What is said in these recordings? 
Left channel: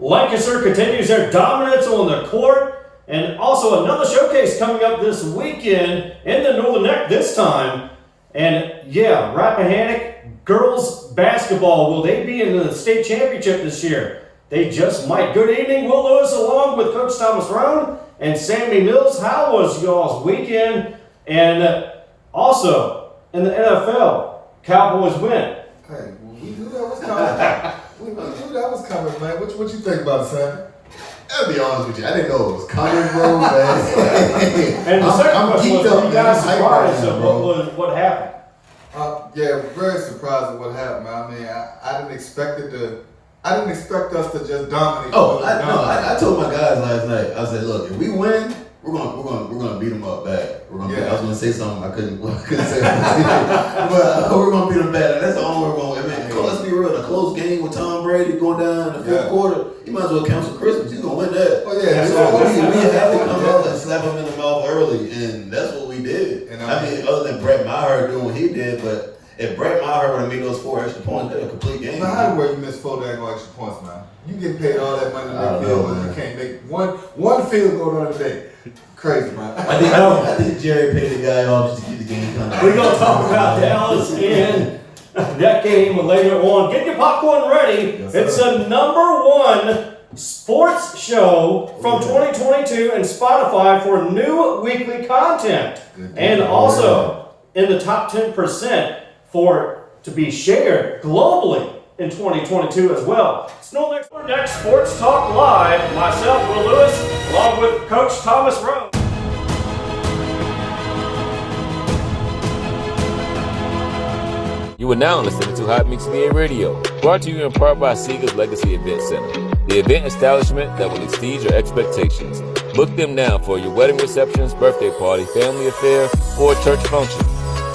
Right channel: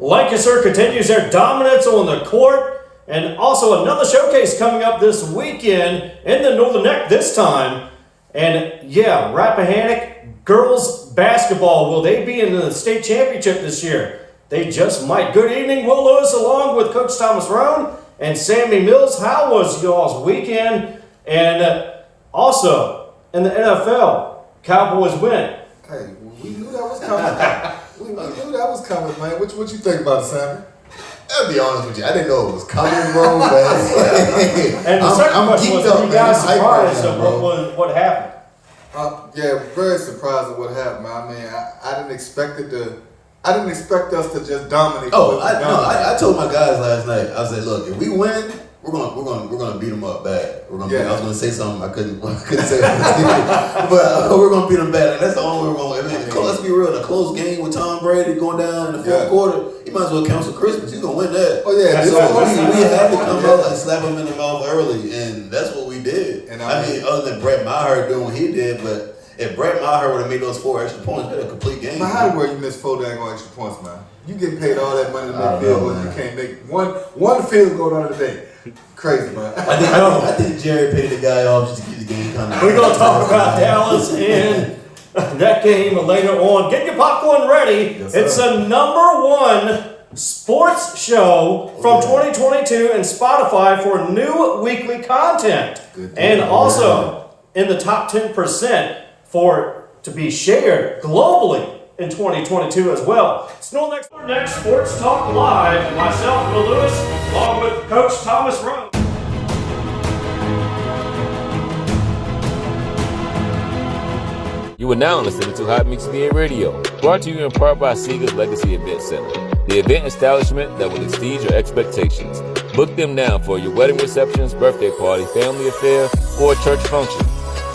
Lancaster continues their dominance on the court, and also another showcase coming up this weekend in the Northern Neck this time. And yeah, Rappahannock girls basketball, will they be in the state championship this year? They just might. Good evening, Will Lewis, along with Coach Thomas Roane and Sammy Mills. How was y'all's weekend? And also in the NFL, Cowboys win. Hey, we knew that was coming. we knew that was coming, man. What you think about it, Sammy? I'll be honest with you, I didn't know it was coming, bro. But and the second question was, were you guys surprised of what happened? Yeah, very surprised at what happened. I mean, I didn't expect it to. I didn't expect us to just dominate. I told my guys last night. I said, look, if we win, we're gonna beat them up bad. I was gonna say something I couldn't say, but we're gonna beat them bad. And that's the only way we're gonna. Let's be real. A close game with Tom Brady going down in the fourth quarter, he might as well count some Christmas. He's gonna win that. Oh yeah. So we had to come out and slap him in the mouth early, and that's what we did. And I mean, other than Brett Maher doing what he did, but if Brett Maher would have made those 4 extra points, that'd a complete game. Man, how the world you miss 4 dang extra points, man? You getting paid all that money to make field goals, you can't make one field goal on a day. Crazy, man. I think Jerry paid the guy off just to keep the game coming. We're gonna talk about Dallas and that game later on. Get your popcorn ready. Yes, it's the #1 sports show from 2022 and Spotify for new weekly content. And also in the top 10% to be shared globally in 2022 as well. It's Next Sports Talk Live. Myself, Will Lewis, along with Coach Thomas Roane. You are now listening to Hot Mix VA Radio, brought to you in part by Seeger's Legacy Event Center, the event establishment that will exceed your expectations. Book them now for your wedding receptions, birthday party, family affair, or church function.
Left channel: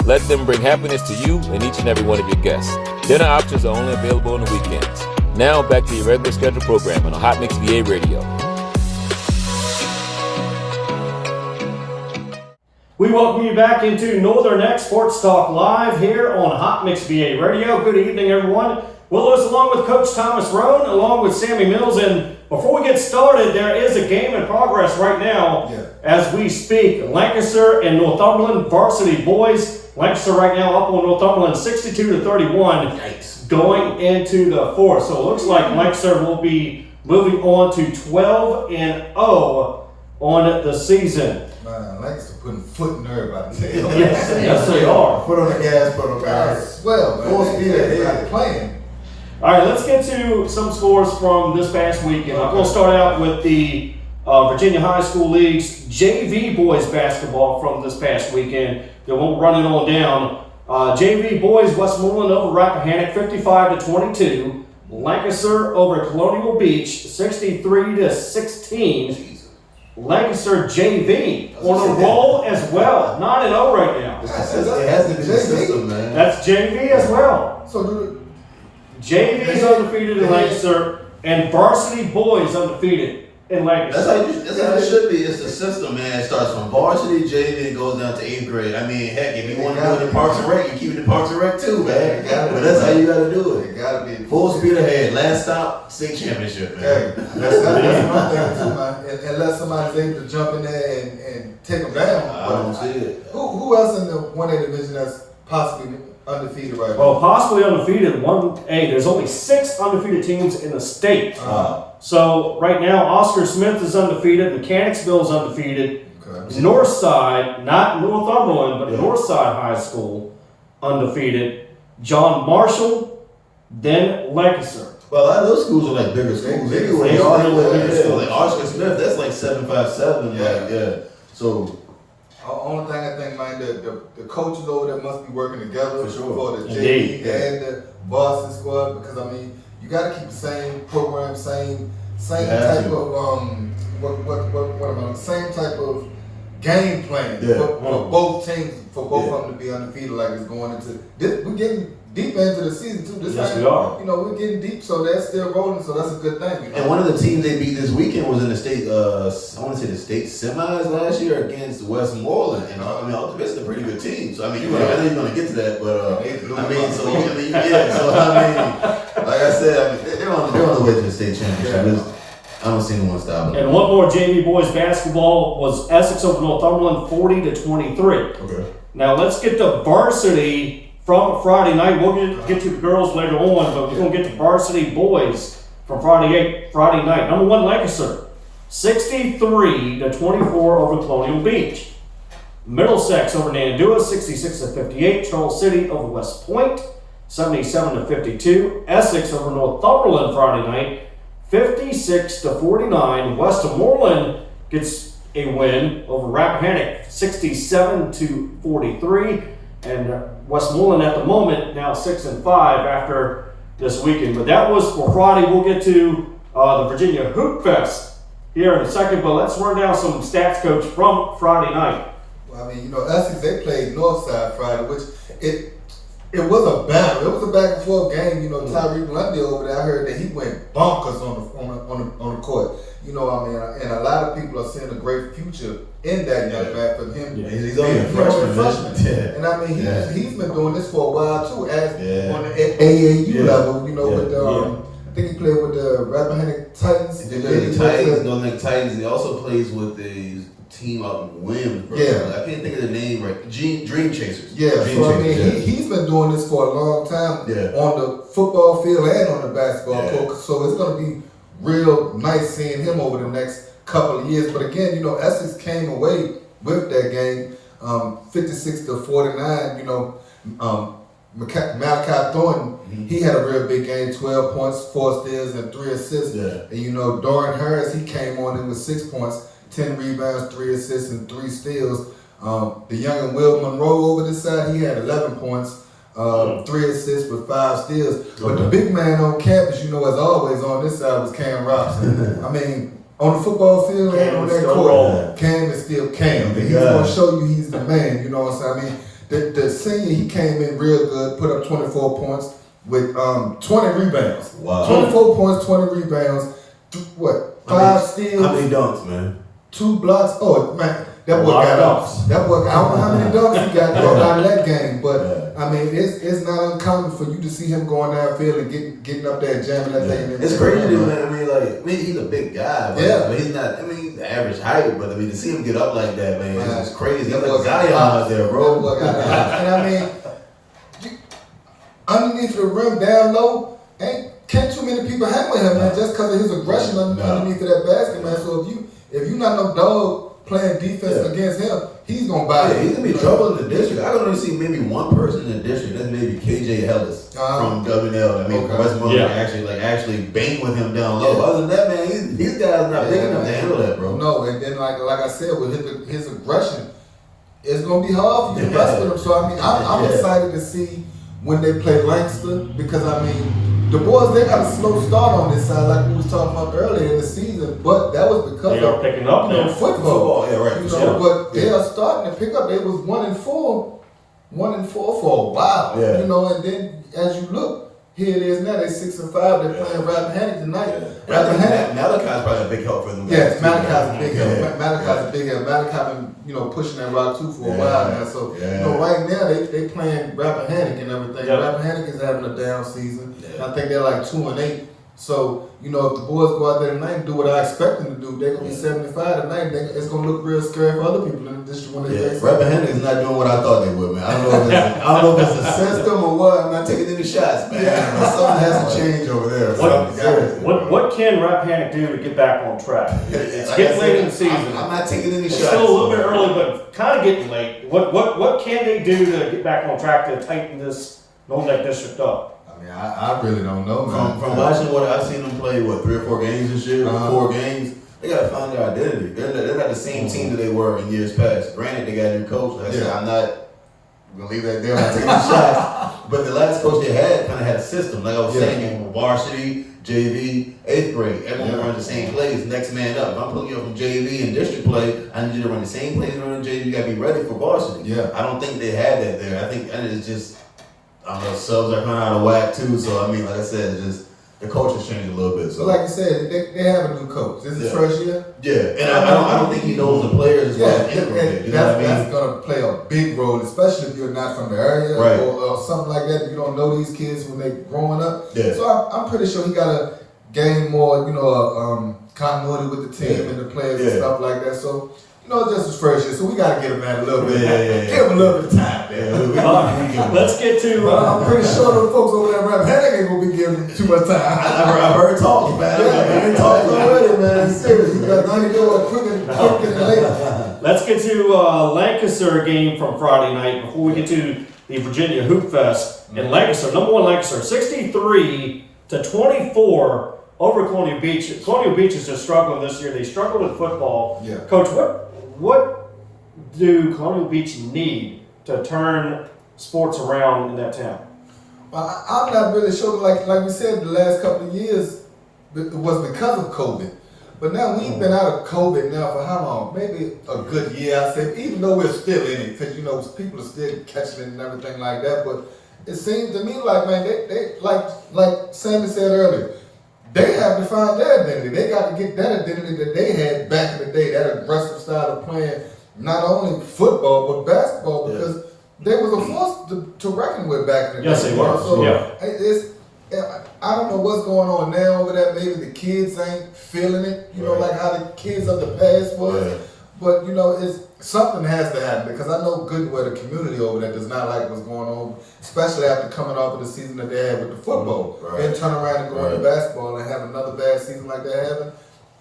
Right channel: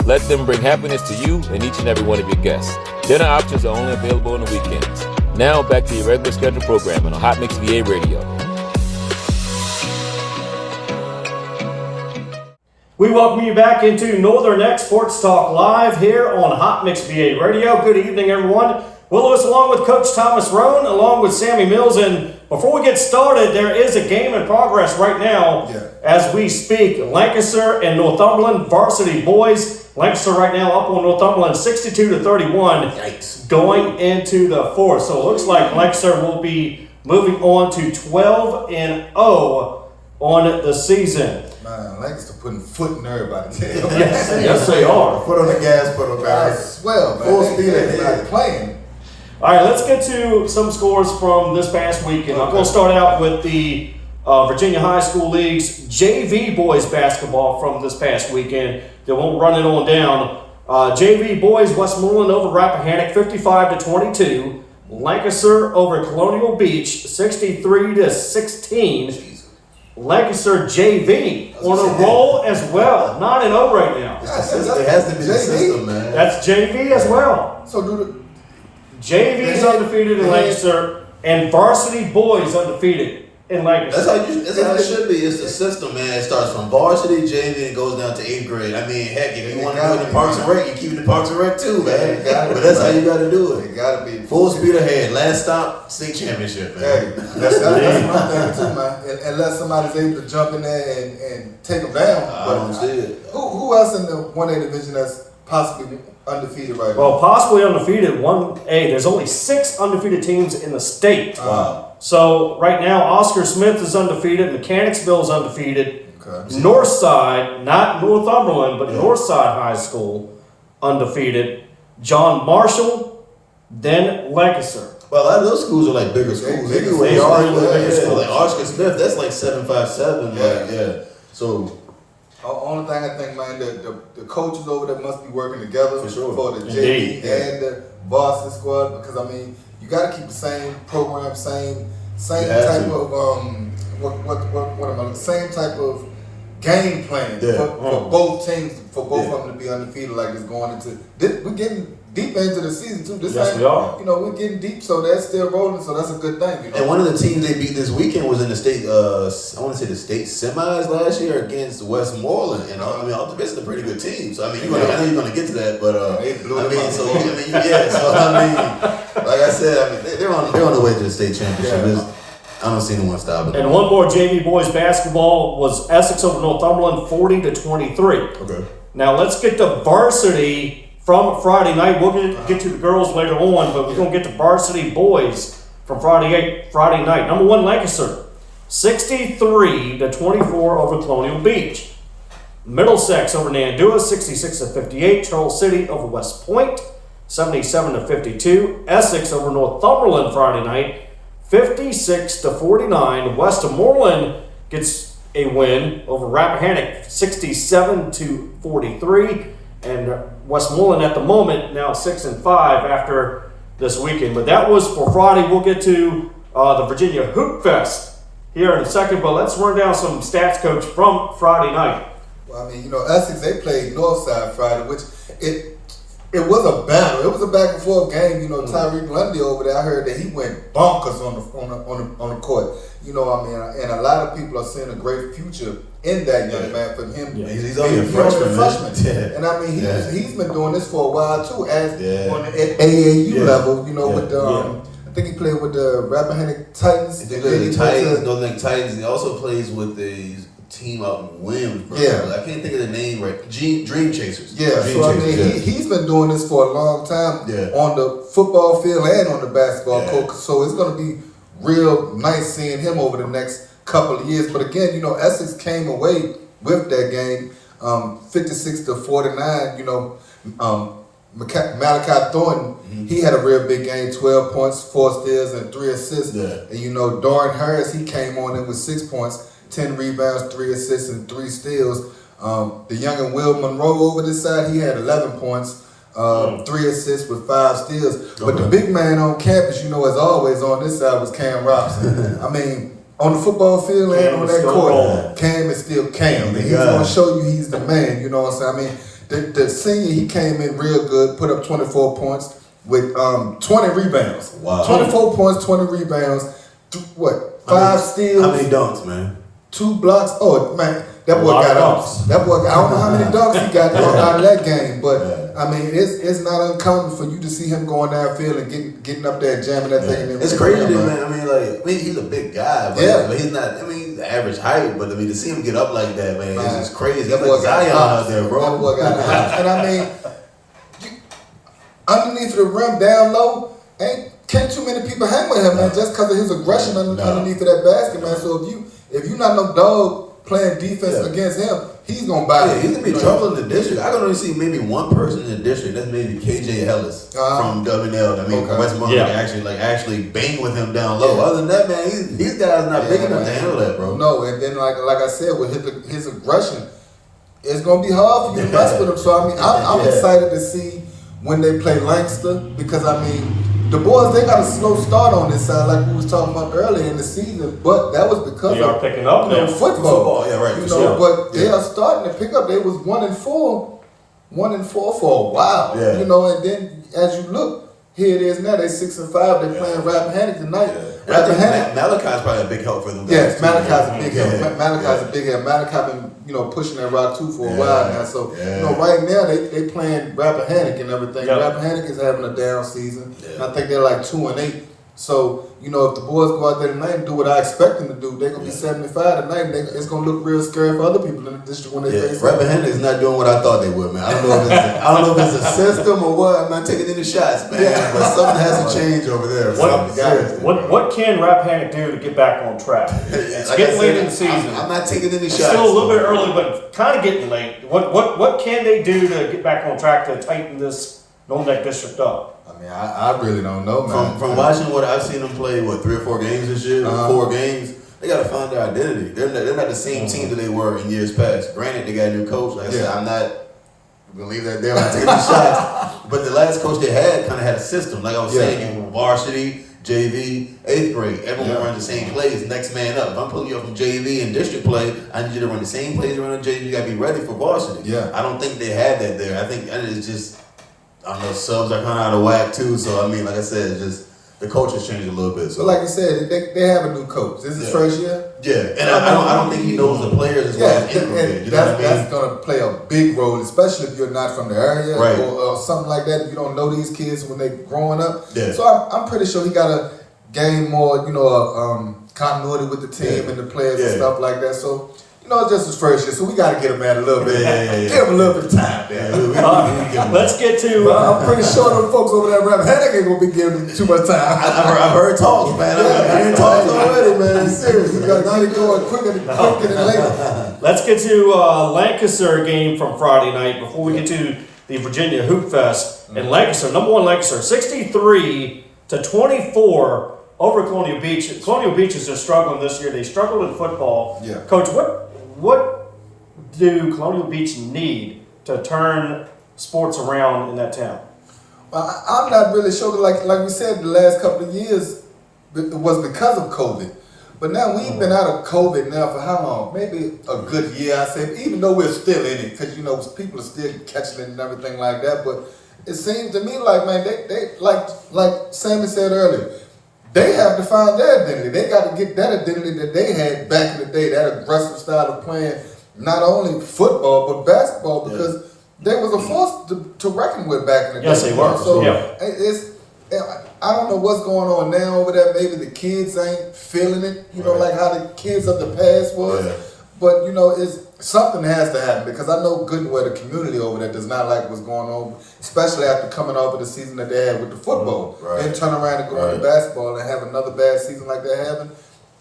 Let them bring happiness to you and each and every one of your guests. Dinner options are only available on the weekends. Now back to your regular scheduled programming on Hot Mix VA Radio. We welcome you back into Northern Neck Sports Talk Live here on Hot Mix VA Radio. Good evening, everyone. Will Lewis along with Coach Thomas Roane, along with Sammy Mills. And before we get started, there is a game in progress right now as we speak. Lancaster and Northumberland varsity boys. Lancaster right now up on Northumberland 62-31. Yikes. Going into the fourth. So it looks like Lancaster will be moving on to 12-0 on the season. Man, Lancaster putting foot in everybody's head. Yes, they are. Foot on the gas pedal, man. I swear, man. Full speed ahead. Playing. All right, let's get to some scores from this past weekend. I'm going to start out with the Virginia High School League's JV boys basketball from this past weekend. They won't run it on down. JV boys, Westmoreland over Rappahannock 55-22. Lancaster over Colonial Beach 63-16. Lancaster JV on a roll as well. 9-0 right now. It has to be the system, man. That's JV as well. So good. JV's undefeated in Lancaster, and varsity boys undefeated in Lancaster. That's how it should be. It's the system, man. It starts from varsity, JV, and goes down to 8th grade. I mean, heck, if you want to do it in Parks and Rec, you keep it in Parks and Rec too, man. But that's how you got to do it. It got to be full speed ahead. Last stop, state championship, man. Hey, that's my thing too, man. Unless somebody's able to jump in there and take them down. I don't see it. Who else in the 1A division that's possibly undefeated right now? Well, possibly undefeated. 1A. There's only 6 undefeated teams in the state. So right now, Oscar Smith is undefeated. Mechanicsville is undefeated. Okay. Northside, not Northumberland, but Northside High School, undefeated. John Marshall, then Lancaster. Well, a lot of those schools are like bigger schools. They are in the bigger schools. Like Oscar Smith, that's like 757. Yeah. So. Only thing I think, man, the coaches over there must be working together for sure. For the JV and the varsity squad, because I mean, you got to keep the same program, same type of same type of game plan for both teams, for both of them to be undefeated. Like it's going into we're getting deep into the season too. Yes, we are. You know, we're getting deep, so that's still rolling. So that's a good thing. You know? And one of the teams they beat this weekend was in the state. I want to say the state semis last year against Westmoreland, and I mean, ultimately, it's a pretty good team. So I mean, I know you're going to get to that, but like I said, I mean, they're on the way to the state championship. Yeah. I don't see anyone stopping them. And one more JV boys basketball was Essex over Northumberland 40-23. Okay. Now let's get to varsity from Friday night. We'll get to the girls later on, but we're going to get to varsity boys from Friday night. Number 1, Lancaster, 63-24 over Colonial Beach. Middlesex over Nandua, 66-58. Charles City over West Point, 77-52. Essex over Northumberland Friday night, 56-49. Westmoreland gets a win over Rappahannock, 67-43. And Westmoreland at the moment now 6-5 after this weekend. But that was for Friday. We'll get to the Virginia Hoop Fest here in a second. But let's run down some stats, Coach, from Friday night. Well, I mean, you know, Essex, they played Northside Friday, which it was a battle. It was a back and forth game. You know, Tyreek Lundy over there, I heard that he went bonkers on the court. You know, I mean, and a lot of people are seeing a great future in that young man for him. Yeah, he's only a freshman. Yeah. And I mean, he's been doing this for a while too, as on the AAU level. You know, with I think he played with the Rappahannock Titans. He played with the Titans, Northern Lake Titans. He also plays with the team out in Williams. Yeah. I can't think of the name right. Dream Chasers. Yeah, Dream so Chasers, I mean, he's been doing this for a long time on the football field and on the basketball court. So it's going to be real nice seeing him over the next couple of years. But again, you know, Essex came away with that game, 56-49. You know, Malachi Thornton, he had a real big game, 12 points, 4 steals, and 3 assists. Yeah. And you know, Dorian Harris, he came on in with 6 points, 10 rebounds, 3 assists, and 3 steals. The youngin' Will Monroe over this side, he had 11 points, 3 assists with 5 steals. But the big man on campus, you know, as always on this side was Cam Robson. I mean, on the football field and on that court, Cam is still Cam. He's going to show you he's the man, you know what I'm saying? I mean, the senior, he came in real good, put up 24 points with 20 rebounds. Wow. 24 points, 20 rebounds, 5 steals? How many dunks, man? 2 blocks. Oh, man, that boy got out. That boy, I don't know how many dunks he got out of that game, but I mean, it's not uncommon for you to see him going downfield and getting up there and jamming that thing. It's crazy, man. I mean, he's a big guy, but he's not. I mean, he's the average height, but I mean, to see him get up like that, man, it's just crazy. He's like Zion out there, bro. That boy got out. And I mean, underneath the rim, down low, can't too many people hang with him, man, just because of his aggression underneath of that basket, man. So if you not no dog playing defense against him, he's gonna buy it. He's gonna be trouble in the district. I can only see maybe one person in the district. That's maybe KJ Ellis from WNL. I mean, Westmoreland actually bang with him down low. Other than that, man, these guys are not big enough to handle that, bro. No, and then like I said, with his aggression, it's gonna be hard for you to mess with him. So I mean, I'm excited to see when they play Lancaster, because I mean, the boys, they got a slow start on this side, like we was talking about earlier in the season, but that was because they are picking up now. Football. Yeah, right. You know, but they are starting to pick up. They was 1-4 for a while. Yeah. You know, and then as you look, here it is now. They 6-5. They're playing Rappahannock tonight. I think Malachi's probably a big help for them. Yes, Malachi's a big help. Malachi's a big help. Malachi been, pushing that rock too for a while now. So, right now they playing Rappahannock and everything. Yeah. Rappahannock is having a down season. Yeah. And I think they're like 2-8. So, if the boys go out there tonight and do what I expect them to do, they're going to be 75 tonight. It's going to look real scary for other people in the district when they face Rappahannock is not doing what I thought they would, man. I don't know if it's a system or what. I'm not taking any shots, man. Yeah. But something has to change over there. What can Rappahannock do to get back on track? It's getting late in the season. I'm not taking any shots. It's still a little bit early, but kind of getting late. What can they do to get back on track to tighten this Golden Neck district up? I really don't know, man. From watching what I've seen them play, 3 or 4 games this year, 4 games, they got to find their identity. They're not the same team that they were in years past. Granted, they got a new coach. Like I said, I'm not going to leave that there. I'm not taking shots. But the last coach they had kind of had a system. Like I was saying, varsity, JV, 8th grade, everyone run the same plays, next man up. If I'm pulling you up from JV and district play, I need you to run the same plays around the JV. You got to be ready for varsity. Yeah. I don't think they had that there. I think it's just I don't know, subs are kind of out of whack too. So I mean, like I said, it's just the culture's changed a little bit. So But like you said, they have a new coach. This is his first year. yeah, and I don't think he knows the players as well as Ingram did. You know what I mean? That's going to play a big role, especially if you're not from the area Right. or something like that. If you don't know these kids when they're growing up. Yeah. So I'm pretty sure he got to gain more, continuity with the team and the players and stuff like that. So, it's just his first year, so we got to get him at a little bit. Give him a little bit of time, man. Let's get to. I'm pretty sure them folks over there at Rap ain't going to be giving him too much time. I've heard talking, man. I've been talking already, man. Seriously, You got to do it quicker than later. Let's get to Lancaster game from Friday night before we get to the Virginia Hoop Fest. And Lancaster, number one Lancaster, 63-24 over Colonial Beach. Colonial Beach is just struggling this year. They struggled in football. Yeah. Coach, what do Colonial Beach need to turn sports around in that town? I'm not really sure. Like we said, the last couple of years it was because of COVID. But now we've been out of COVID now for how long? Maybe a good year, I say. Even though we're still in it, because people are still catching it and everything like that. But it seems to me like, man, they like Sammy said earlier, they have to find their identity. They got to get that identity that they had back in the day, that aggressive style of playing not only football but basketball, because they was a force to reckon with back in the day. Yes, they were. So Yeah. I don't know what's going on now over there. Maybe the kids ain't feeling it, like how the kids of the past was. Yeah. But it's something has to happen, because I know good and well the community over there does not like what's going on, especially after coming off of the season that they had with the football. Right. Then turn around and go into basketball and have another bad season like that happen.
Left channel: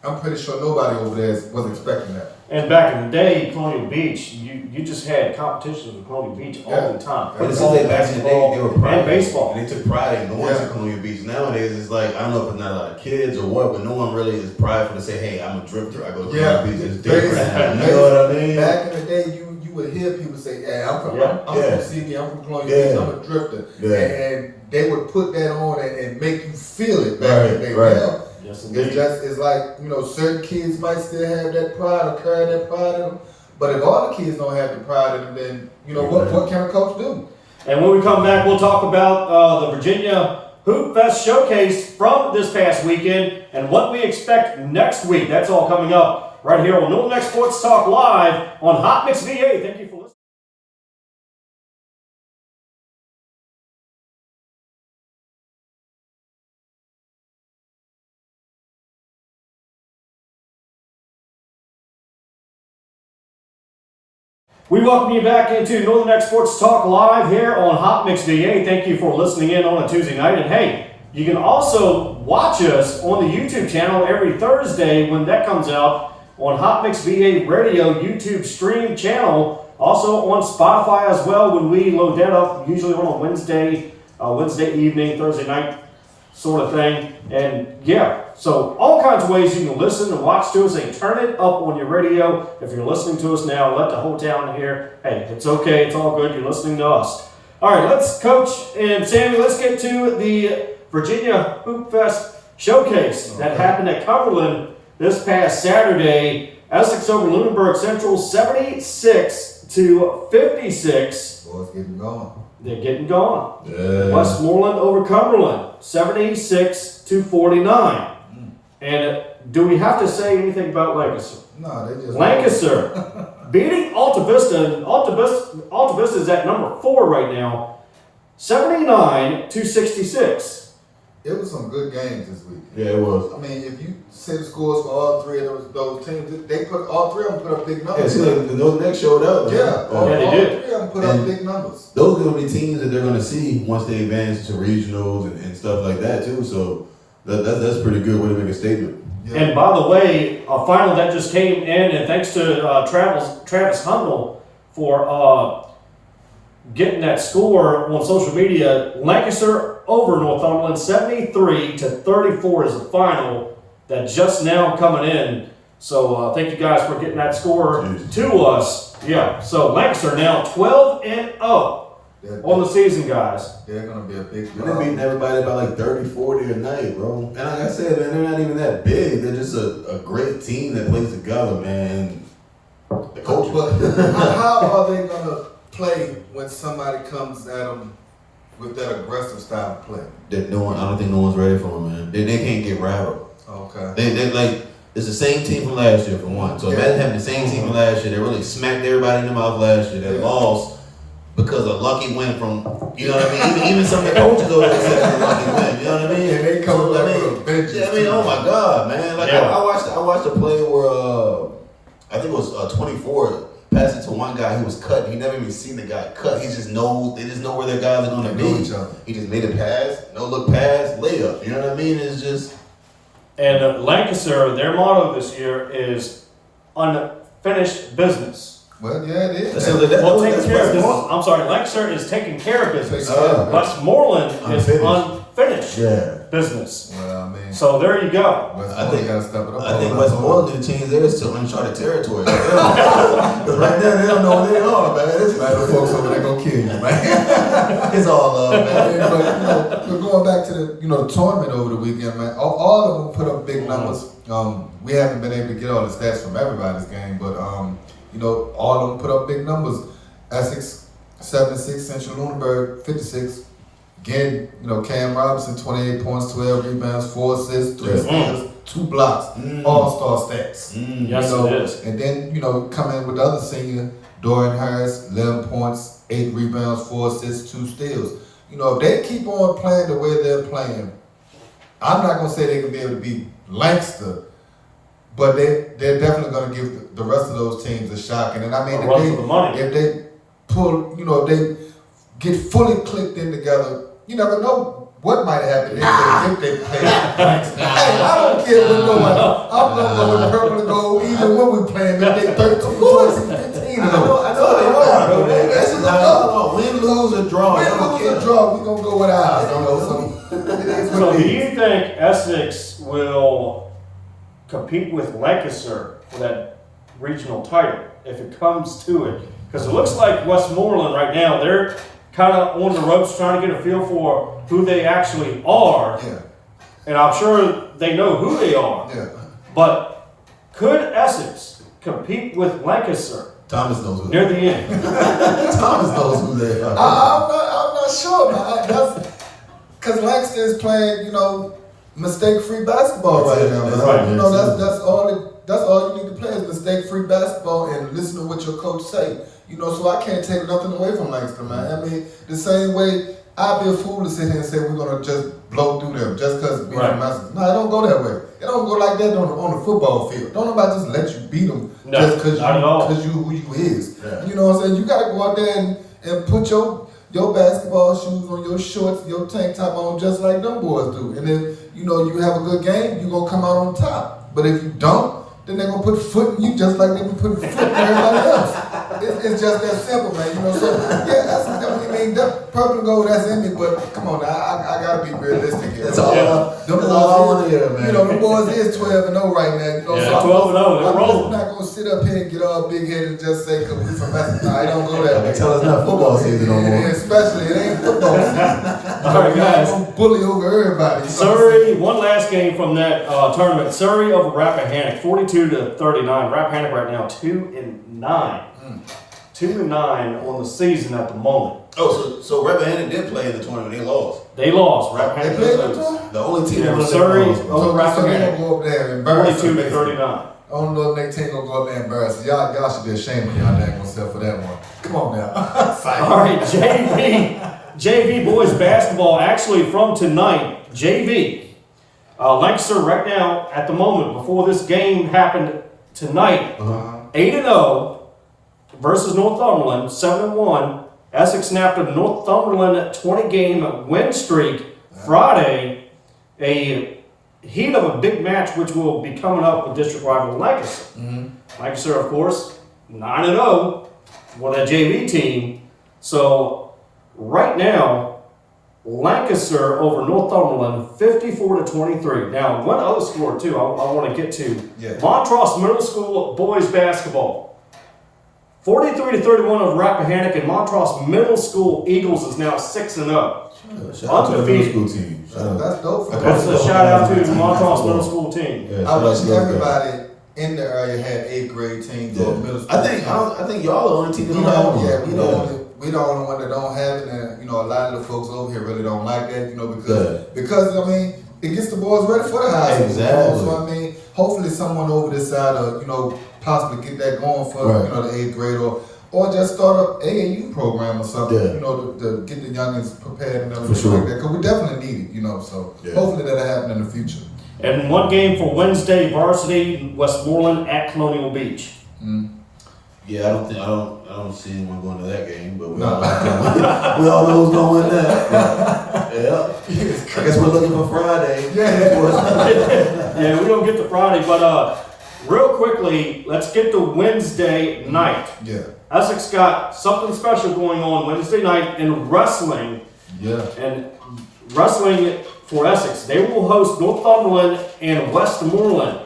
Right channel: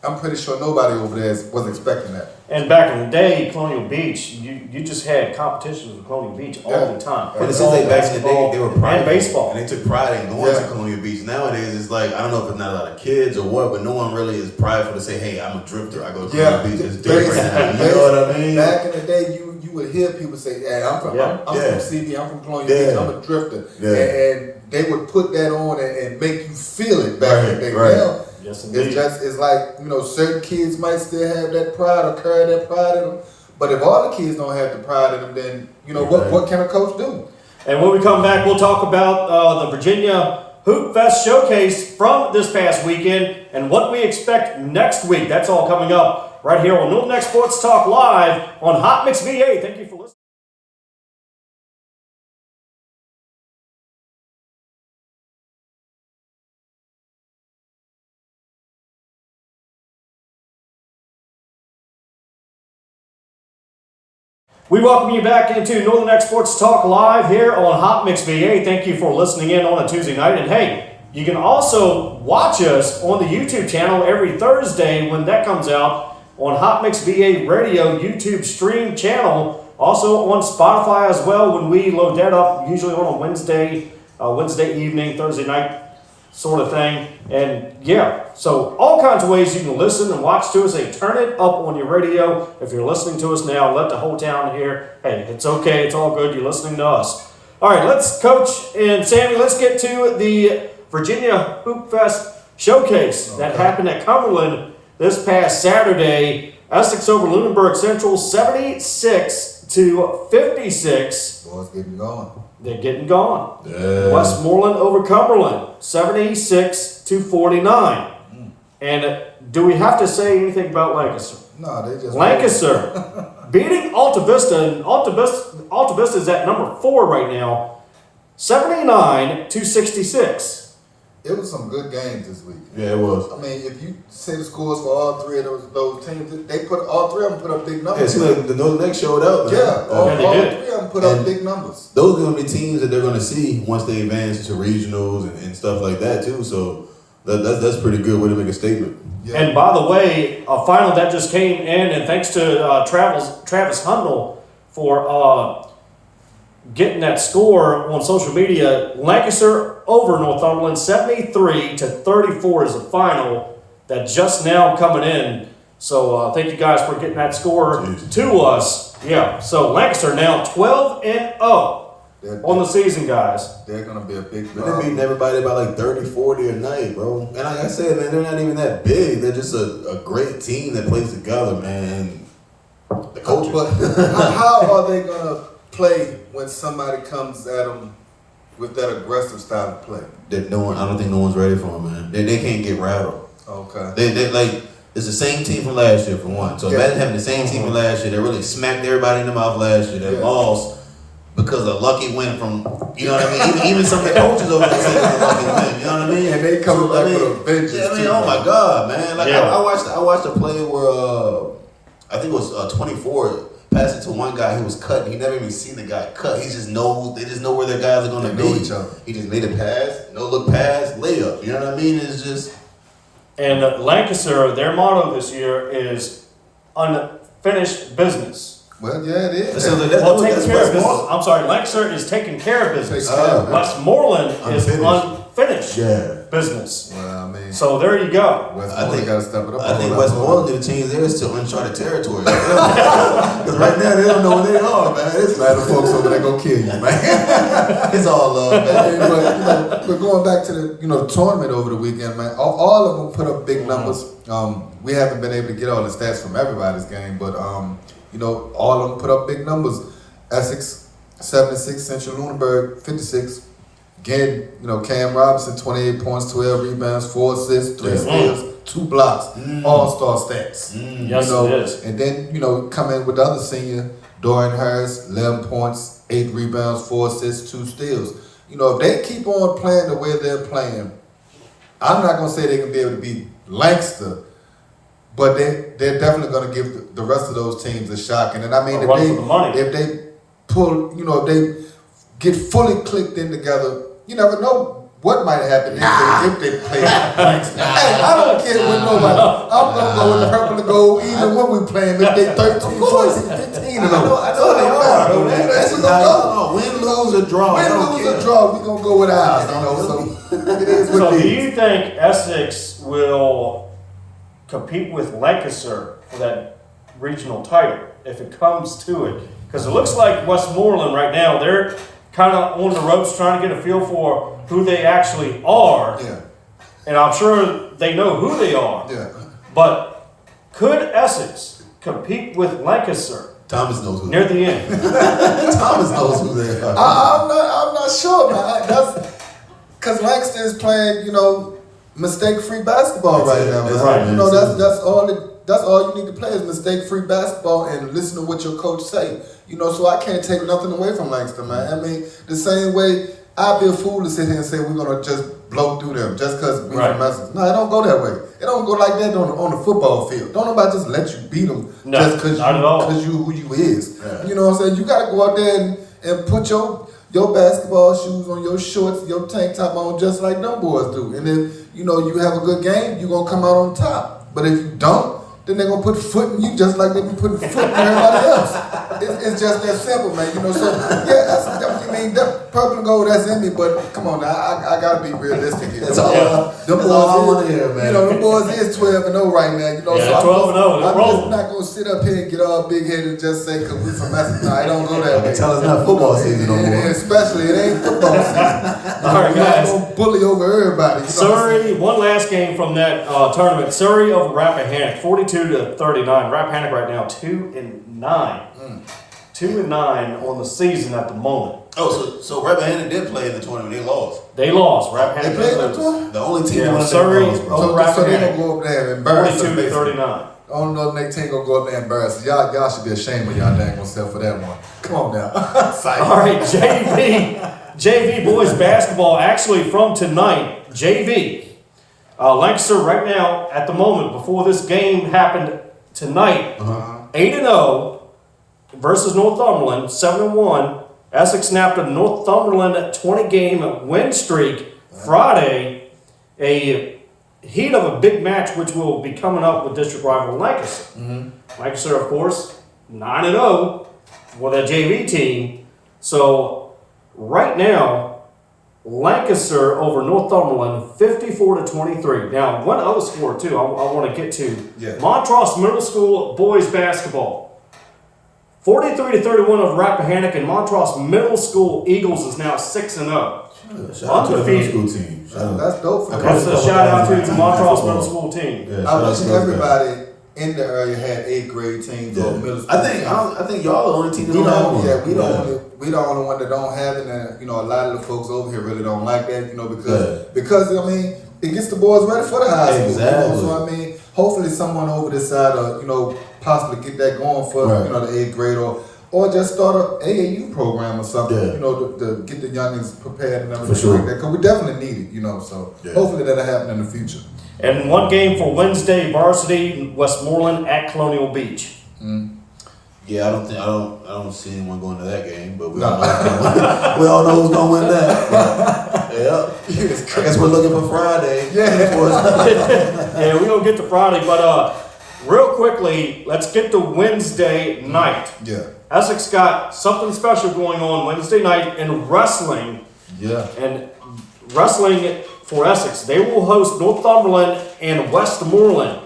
I'm pretty sure nobody over there was expecting that. And back in the day, Colonial Beach, you just had competitions with Colonial Beach all the time. But it seems like back in the day, they were prideful. And baseball. And they took pride in going to Colonial Beach. Nowadays, it's like, I don't know if it's not a lot of kids or what, but no one really is prideful to say, hey, I'm a drifter. I go to Colonial Beach. It's different now. You know what I mean? Back in the day, you would hear people say, hey, I'm from CB, I'm from Colonial Beach, I'm a drifter. Yeah. And they would put that on and make you feel it back in the day. Right. Now, Yes, indeed. it's like, certain kids might still have that pride or carry that pride in them. But if all the kids don't have the pride in them, then, what can a coach do? And when we come back, we'll talk about the Virginia Hoop Fest showcase from this past weekend and what we expect next week. That's all coming up right here on Northern X Sports Talk Live on Hot Mix VA. Thank you for listening. We welcome you back into Northern X Sports Talk Live here on Hot Mix VA. Thank you for listening in on a Tuesday night. And hey, you can also watch us on the YouTube channel every Thursday when that comes out on Hot Mix VA Radio YouTube stream channel. Also on Spotify as well when we load that up, usually on a Wednesday evening, Thursday night sort of thing. And so all kinds of ways you can listen and watch to us. They turn it up on your radio. If you're listening to us now, let the whole town hear, hey, it's okay, it's all good, you're listening to us. All right, let's, Coach and Sammy, let's get to the Virginia Hoop Fest showcase that happened at Cumberland this past Saturday. Essex over Lunenburg Central, 76-56. Boys getting going. They're getting going. Yeah. Westmoreland over Cumberland, 76-49. And do we have to say anything about Lancaster? No, they just Lancaster beating Alta Vista, and Alta Vista is at number 4 right now, 79-66. It was some good games this week. Yeah, it was. I mean, if you see the scores for all three of those teams, they put all three of them put up big Yeah, numbers. see, like, those next showed up. Yeah, all they did. three of them put up big numbers. Those are going to be teams that they're going to see once they advance to regionals and stuff like that, too. So that's pretty good way to make a statement. Yeah. And by the way, a final that just came in, and thanks to Travis Hundle for getting that score on social media. Lancaster over Northumberland, 73-34 is the final that just now coming in. So thank you guys for getting that score to us. Yeah, so Lancaster now 12-0 on the season, guys. They're going to be a big They're beating everybody by like 30, 40 a night, bro. And like I said, man, they're not even that big. They're just a great team that plays together, man. The coach. But how are they going to play when somebody comes at them with that aggressive style of play? I don't think no one's ready for them, man. They can't get rattled. Okay. They like it's the same team from last year for one. So imagine having the same team from last year. They really smacked everybody in the mouth last year. They lost because of lucky win from you know what I mean. Even some of the coaches over there say it's a lucky win. You know what I mean? And they coming back with a vengeance. Yeah, I mean, oh my God, man! Like I watched a play where I think it was 24. Passed it to one guy who was cut. He never even seen the guy cut. They just know where their guys are going to know be. each other. He just made a pass, no look pass, layup. You know what I mean? It's just. And Lancaster, their motto this year is unfinished business. Well, yeah, it is. So Well, taking care of business. Westmoreland. I'm sorry, Lancaster is taking care of business. Taking care of business. Westmoreland is Unfinished. unfinished Yeah. business. Well, I mean, So there you go. Westmoreland got to step it up. I think Westmoreland need to change theirs to uncharted territory. Because right now they don't know where they are, man. It's Man, the folks over there gonna kill you, man. it's all love, man. But we're going back to the tournament over the weekend, man. All of them put up big numbers. We haven't been able to get all the stats from everybody's game, but all of them put up big numbers. Essex 76, Central Lunenburg 56. Again, Cam Robinson 28 points, 12 rebounds, 4 assists, 3 steals, 2 blocks, all-star stats. Yes, it is. And then come in with the other senior, Dorian Harris, 11 points, 8 rebounds, 4 assists, 2 steals. If they keep on playing the way they're playing, I'm not gonna say they can be able to beat Lancaster, but they're definitely gonna give the rest of those teams a shock. And then if they pull, if they get fully clicked in together, you never know what might happen if they play Lancaster. Hey, I don't care with nobody. I'm not going to go even when we playing if they 13, 15. I know. That's what go. Win, lose, or draw. Win, lose, or draw. We're going to go with ours. So it is what So it do is. you think Essex will compete with Lancaster for that regional title if it comes to it? Because it looks like Westmoreland right now, they're kind of on the ropes trying to get a feel for who they actually are. Yeah. And I'm sure they know who they are. Yeah. But could Essex compete with Lancaster Thomas knows who. near the end? Thomas knows who they are. I'm not sure, man. Because Lancaster is playing, mistake-free basketball right now. Man. Right. That's all you need to play is mistake-free basketball and listen to what your coach say. So I can't take nothing away from Lancaster, man. I mean, the same way I'd be a fool to sit here and say we're gonna just blow through them just because we're from Essex. No, it don't go that way. It don't go like that on the football field. Don't nobody just let you beat them just because you who you is. Yeah. You know what I'm saying? You gotta go out there and put your basketball shoes on, your shorts, your tank top on, just like them boys do. And if you have a good game, you're gonna come out on top. But if you don't, then they're gonna put foot in you just like they be putting foot in everybody else. It's just that simple, man. So that purple and gold, that's in me. But come on, now, I gotta be realistic here. That's all I want to hear, man. The boys is 12-0 right now. Yeah, so 12-0. They're I'm rolling. just not gonna sit up here and get all big headed and just say because we from Essex. No, it don't go that way. Tell us not football season no more. Especially it ain't football season. All right, guys. Don't bully over everybody. Surrey, one last game from that tournament. Surrey over Rappahannock, 42-39. Rappahannock right now 2-9. 2-9 on the season at the moment. Oh, so Rappahannock did play in the tournament. They lost. They lost. Rappahannock They played did the lose. tournament? The only team Yeah, that Surrey lost, bro. over So they Rappahannock, gonna go up there and embarrass them. 42-39. Only other they team gonna go up there and embarrass them. Y'all should be ashamed of y'all dang self for that one. Come on now. All right, JV boys basketball. Actually, from tonight, JV Lancaster right now at the moment before this game happened tonight, 8-0 versus Northumberland, 7-1. Essex snapped a Northumberland 20-game win streak Friday. A heat of a big match, which will be coming up with district rival Lancaster. Lancaster, of course, 9-0 for that JV team. So right now, Lancaster over Northumberland, 54-23. Now, one other score too I want to get to. Yeah. Montross Middle School boys basketball. 43-31 over Rappahannock, and Montross Middle School Eagles is now 6-0. Shout out to the middle school team. That's dope for That's a shout out to the Montross Basketball. Middle School team. Yeah, shout I out wish to those guys. everybody in the area had 8th grade teams or middle school. I think y'all the only team that don't have one. Yeah, we the only one that don't have it, and a lot of the folks over here really don't like that, because I mean it gets the boys ready for the high school. Exactly. So I mean, hopefully someone over this side possibly get that going for the 8th grade or just start a AAU program or something, to get the youngins prepared and everything like that. Because we definitely need it, so hopefully that'll happen in the future. And one game for Wednesday varsity, Westmoreland at Colonial Beach. Yeah, I don't see anyone going to that game, but we all know who's gonna win that. I guess we're looking for Friday. Yeah, we don't get to Friday, but real quickly, let's get to Wednesday night. Yeah. Essex got something special going on Wednesday night in wrestling. Yeah. And wrestling for Essex, they will host Northumberland and Westmoreland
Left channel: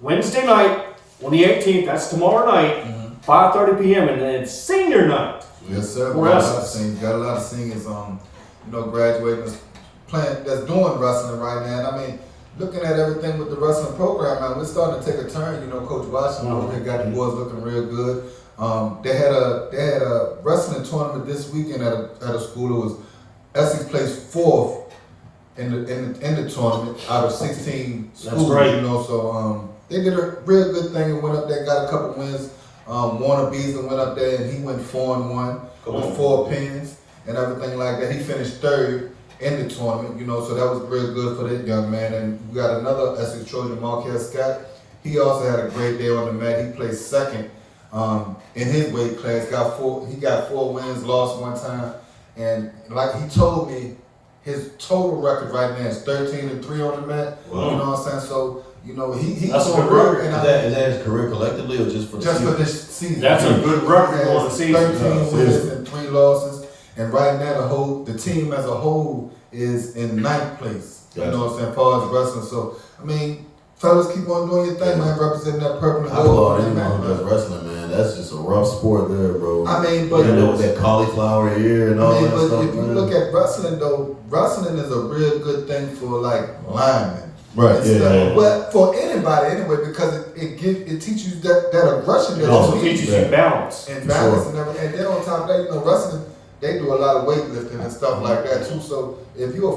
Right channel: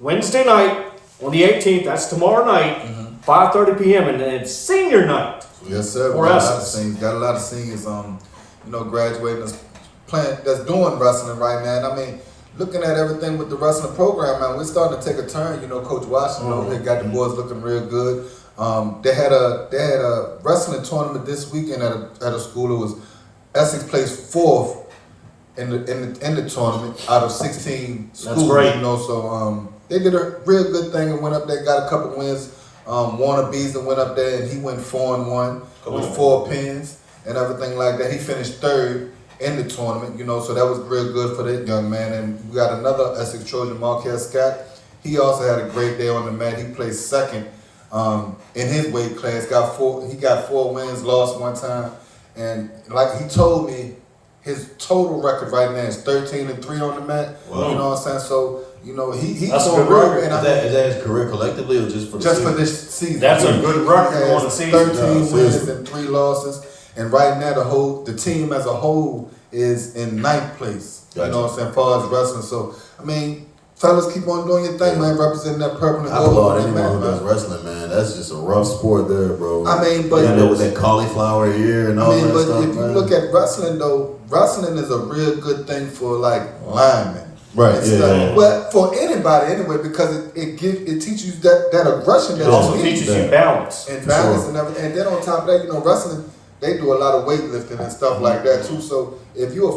Wednesday night on the 18th. That's tomorrow night, 5:30 p.m. and it's senior night. Yes, sir. For Essex. Got a lot of seniors, graduating that's doing wrestling right now. And I mean, looking at everything with the wrestling program now, we're starting to take a turn. Coach Washington they got the boys looking real good. They had a wrestling tournament this weekend at a school. It was Essex placed 4th in the tournament out of 16 schools. That's great. So they did a real good thing and went up there, got a couple wins. Warner Beasley went up there and he went 4-1 with 4 pins and everything like that. He finished 3rd in the tournament, so that was real good for that young man. And we got another Essex Trojan, Marquez Scott. He also had a great day on the mat. He placed 2nd in his weight class. He got 4 wins, lost 1 time, and like he told me, his total record right now is 13-3 on the mat. Wow. You know what I'm saying? So he's That's a doing good record. Is that his career collectively or just for the season? For this season? That's a good record He has on the season. 13 wins and 3 losses, and right now the team as a whole is in 9th place. Gotcha. You know what I'm saying? As far as wrestling, so I mean, fellas, keep on doing your thing, man. Representing that purple and I gold. applaud anyone who does wrestling, man. That's just a rough sport there, bro. I mean, but with that cauliflower ear and all that but stuff. if you look at wrestling though, wrestling is a real good thing for like linemen. Right. Yeah. But for anybody anyway, because it teaches you that aggression that It also you need. teaches you balance. And balance and everything. And then on top of that, wrestling, they do a lot of weightlifting and stuff like that too. So if you're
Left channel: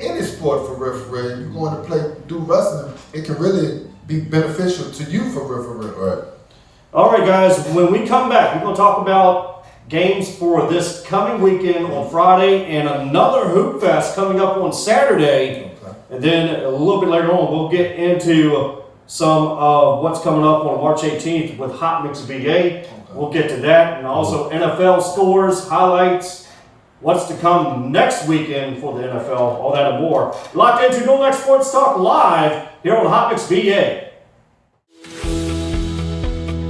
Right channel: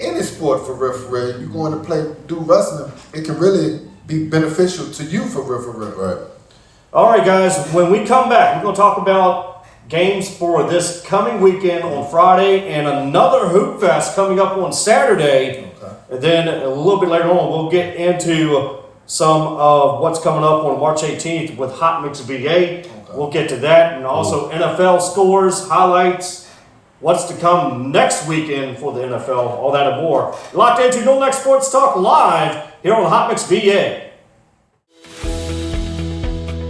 any sport for referee, if you're going to do wrestling, it can really be beneficial to you for referee. Right. All right, guys, when we come back, we're going to talk about games for this coming weekend on Friday and another Hoop Fest coming up on Saturday. Okay. And then a little bit later on, we'll get into some of what's coming up on March 18th with Hot Mix VA. Okay. We'll get to that. And also NFL scores, highlights, what's to come next weekend for the NFL, all that and more. You're locked into No Next Sports Talk live here on Hot Mix VA.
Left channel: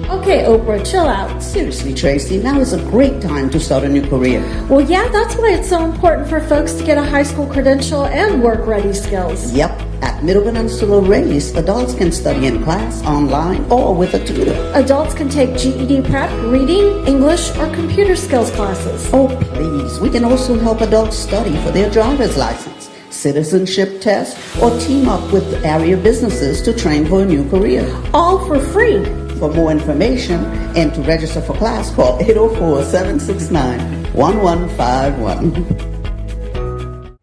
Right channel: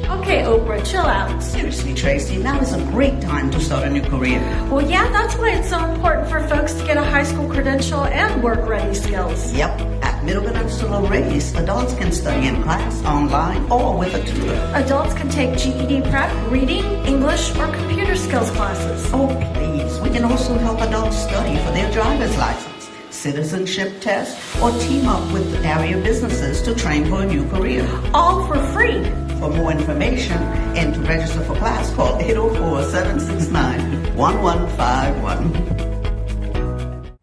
Okay, Oprah, chill out. Seriously, Tracy, now is a great time to start a new career. Well, yeah, that's why it's so important for folks to get a high school credential and work-ready skills. Yep, at Middle Peninsula Race, adults can study in class, online, or with a tutor. Adults can take GED prep, reading, English, or computer skills classes. Oh, please, we can also help adults study for their driver's license, citizenship test, or team up with area businesses to train for a new career. All for free. For more information and to register for class, call 804-769-1151.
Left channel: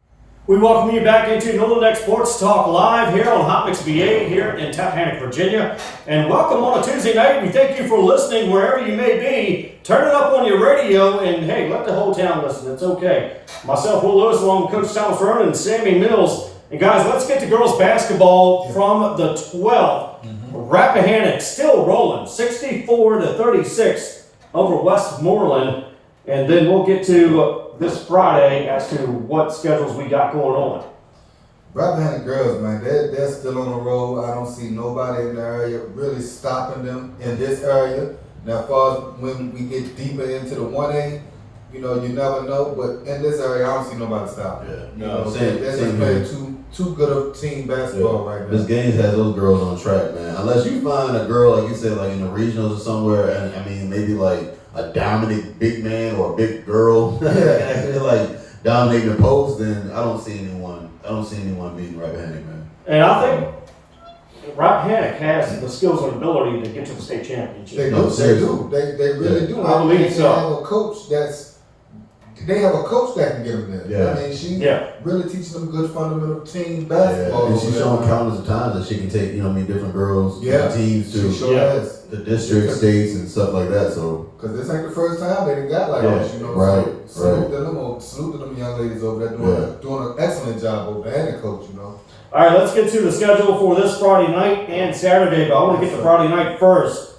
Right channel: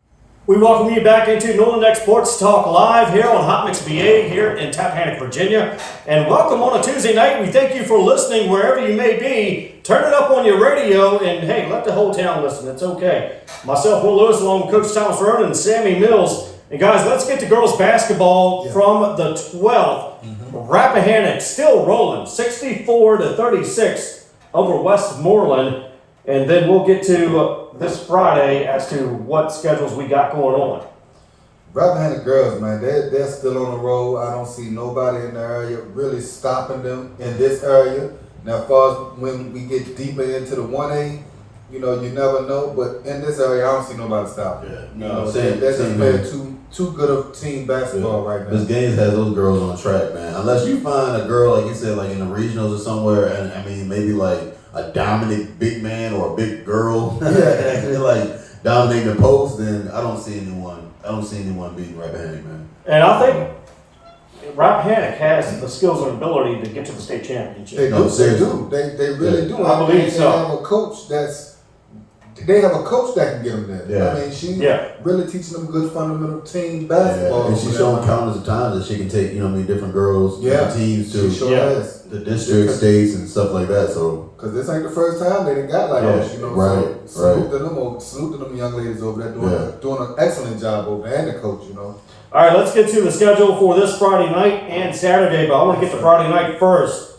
We welcome you back into Northern Next Sports Talk live here on Hot Mix VA here in Tappahannock, Virginia. And welcome on a Tuesday night. We thank you for listening wherever you may be. Turn it up on your radio and, hey, let the whole town listen. It's okay. Myself, Will Lewis, along with Coach Thomas Roane and Sammy Mills. And, guys, let's get to girls basketball from the 12th. Rappahannock still rolling 64-36 over Westmoreland. And then we'll get to this Friday as to what schedules we got going on. Rappahannock girls, man, they're still on the road. I don't see nobody in the area really stopping them in this area. Now, as far as when we get deeper into the 1A, you never know. But in this area, I don't see nobody stopping. Yeah. They're just playing too good of team basketball right now. This game has those girls on track, man. Unless you find a girl, like you said, like in the regionals or somewhere, and I mean, maybe like a dominant big man or a big girl, actually like dominating the post, then I don't see anyone beating Rappahannock, man. And I think Rappahannock has the skills and ability to get to the state championship. They No, do. seriously. They really do. I believe so. They have a coach they have a coach that can get them there. Yeah. I mean, she Yeah. really teaching them good fundamental team Yeah, basketball. and she's shown countless of times that she can take, different girls, different teams she to sure Yeah. has. the district, states, and stuff like that. So, Because this ain't the first time they done got like Yeah, this, you know. right, So salute to them young ladies over there doing an excellent job over there, and the coach, you know. All right, let's get to the schedule for this Friday night and Saturday, but I want to get to Friday night first.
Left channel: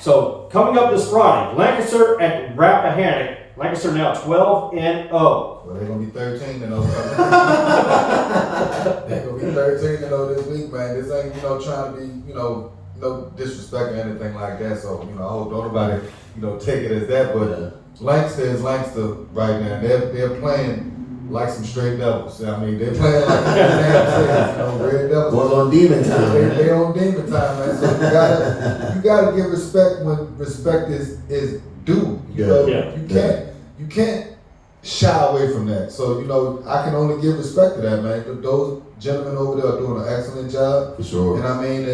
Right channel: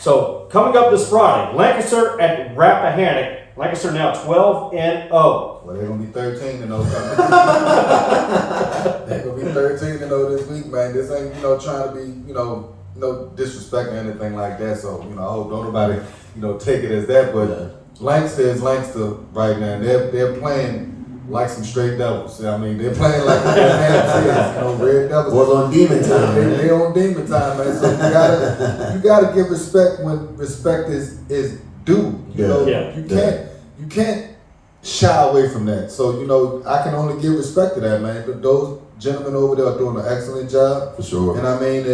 So coming up this Friday, Lancaster at Rappahannock. Lancaster now 12-0. Well, they're gonna be 13 and 0. They're gonna be 13 and 0 this week, man. This ain't trying to be no disrespect or anything like that. So I hope don't nobody take it as that. But Lancaster is Lancaster right now. They're playing like some straight devils. I mean, they're playing like their name says, Red Devils. was on demon time. They're on demon time, man. So you gotta give respect when respect is due. You can't shy away from that. So I can only give respect to that, man. Those gentlemen over there are doing an excellent job. For sure. And I mean,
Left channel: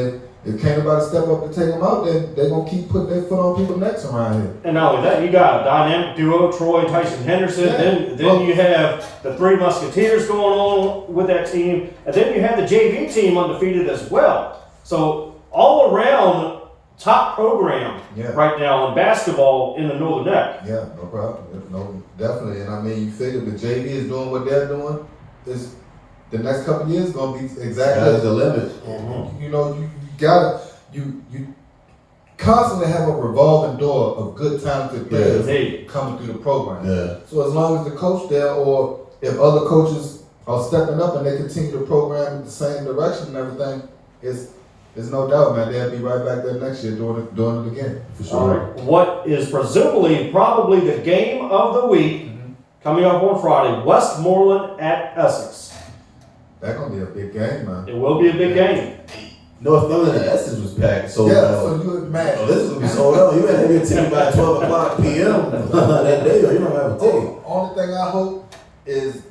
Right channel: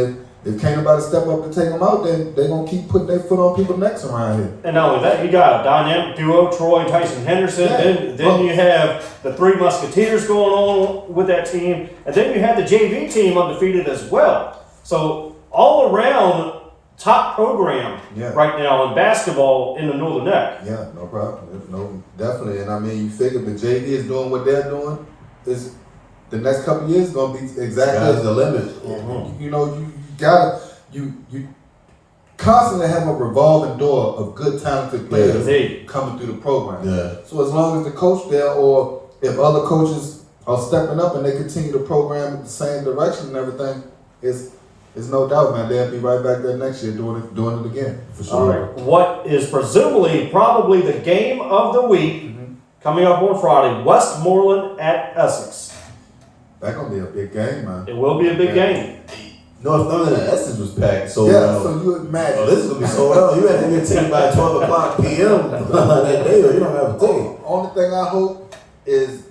if can't nobody step up to take them out, then they're gonna keep putting their foot on people's necks around here. And not only that, you got a dynamic duo, Troy, Tyson, Henderson. Yeah. Then you have the Three Musketeers going on with that team, and then you have the JV team undefeated as well. So all around top program right now in basketball in the Northern Neck. Yeah, no problem. No, definitely. And I mean, you figure the JV is doing what they're doing, is the next couple of years gonna be exactly Sky's the limit. Mm-hmm. You constantly have a revolving door of good talented players coming through the program. Yeah. So as long as the coach there, or if other coaches are stepping up and they continue the program in the same direction and everything, there's no doubt, man, they'll be right back there next year doing it again. For sure. All right. What is presumably probably the game of the week coming up on Friday, Westmoreland at Essex. That's gonna be a big game, man. It will be a big game. Northumberland and Essex was packed. So, so you would imagine. oh, this is going to be sold out. You had to have your ticket by 12 o'clock p.m. that day, or you don't have a ticket. Only thing I hope is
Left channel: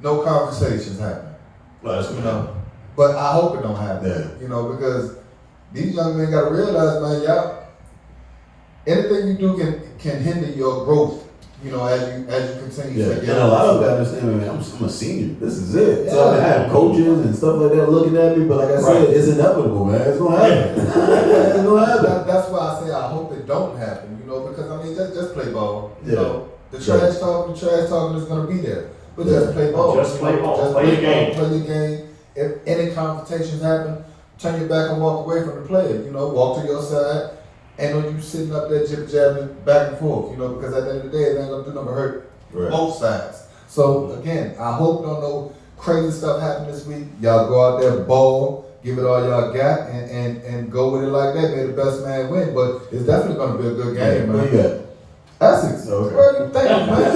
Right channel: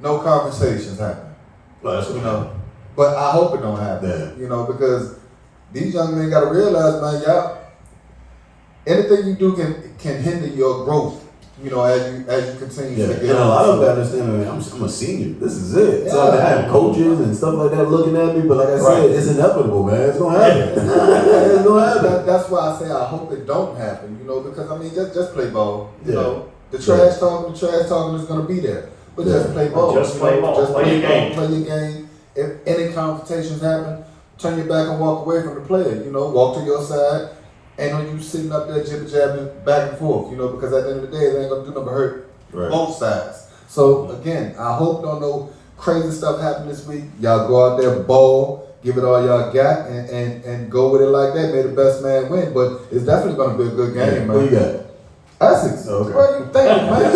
no conversations happen. Well, that's what we know. But I hope it don't happen. Yeah. Because these young men got to realize, man, y'all, anything you do can hinder your growth. As you continue to get. And a lot of them understand, man, I'm a senior. This is it. So I have coaches and stuff like that looking at me, but like I said, it's inevitable, man. It's gonna happen. It's gonna happen. That's why I say I hope it don't happen. Because I mean, just play ball. The Right. trash talking is gonna be there, but just play ball. Just play ball. Just Play your game. Play your game. If any confrontations happen, turn your back and walk away from the player. Walk to your side. Ain't no you sitting up there jibber-jabbing back and forth, because at the end of the day, it ain't gonna do nothing but hurt both sides. So again, I hope don't no crazy stuff happen this week. Y'all go out there, ball, give it all y'all got, and go with it like that. May the best man win. But it's definitely gonna be a good game, man. What you got? Essex. Okay. Where you thinking, man?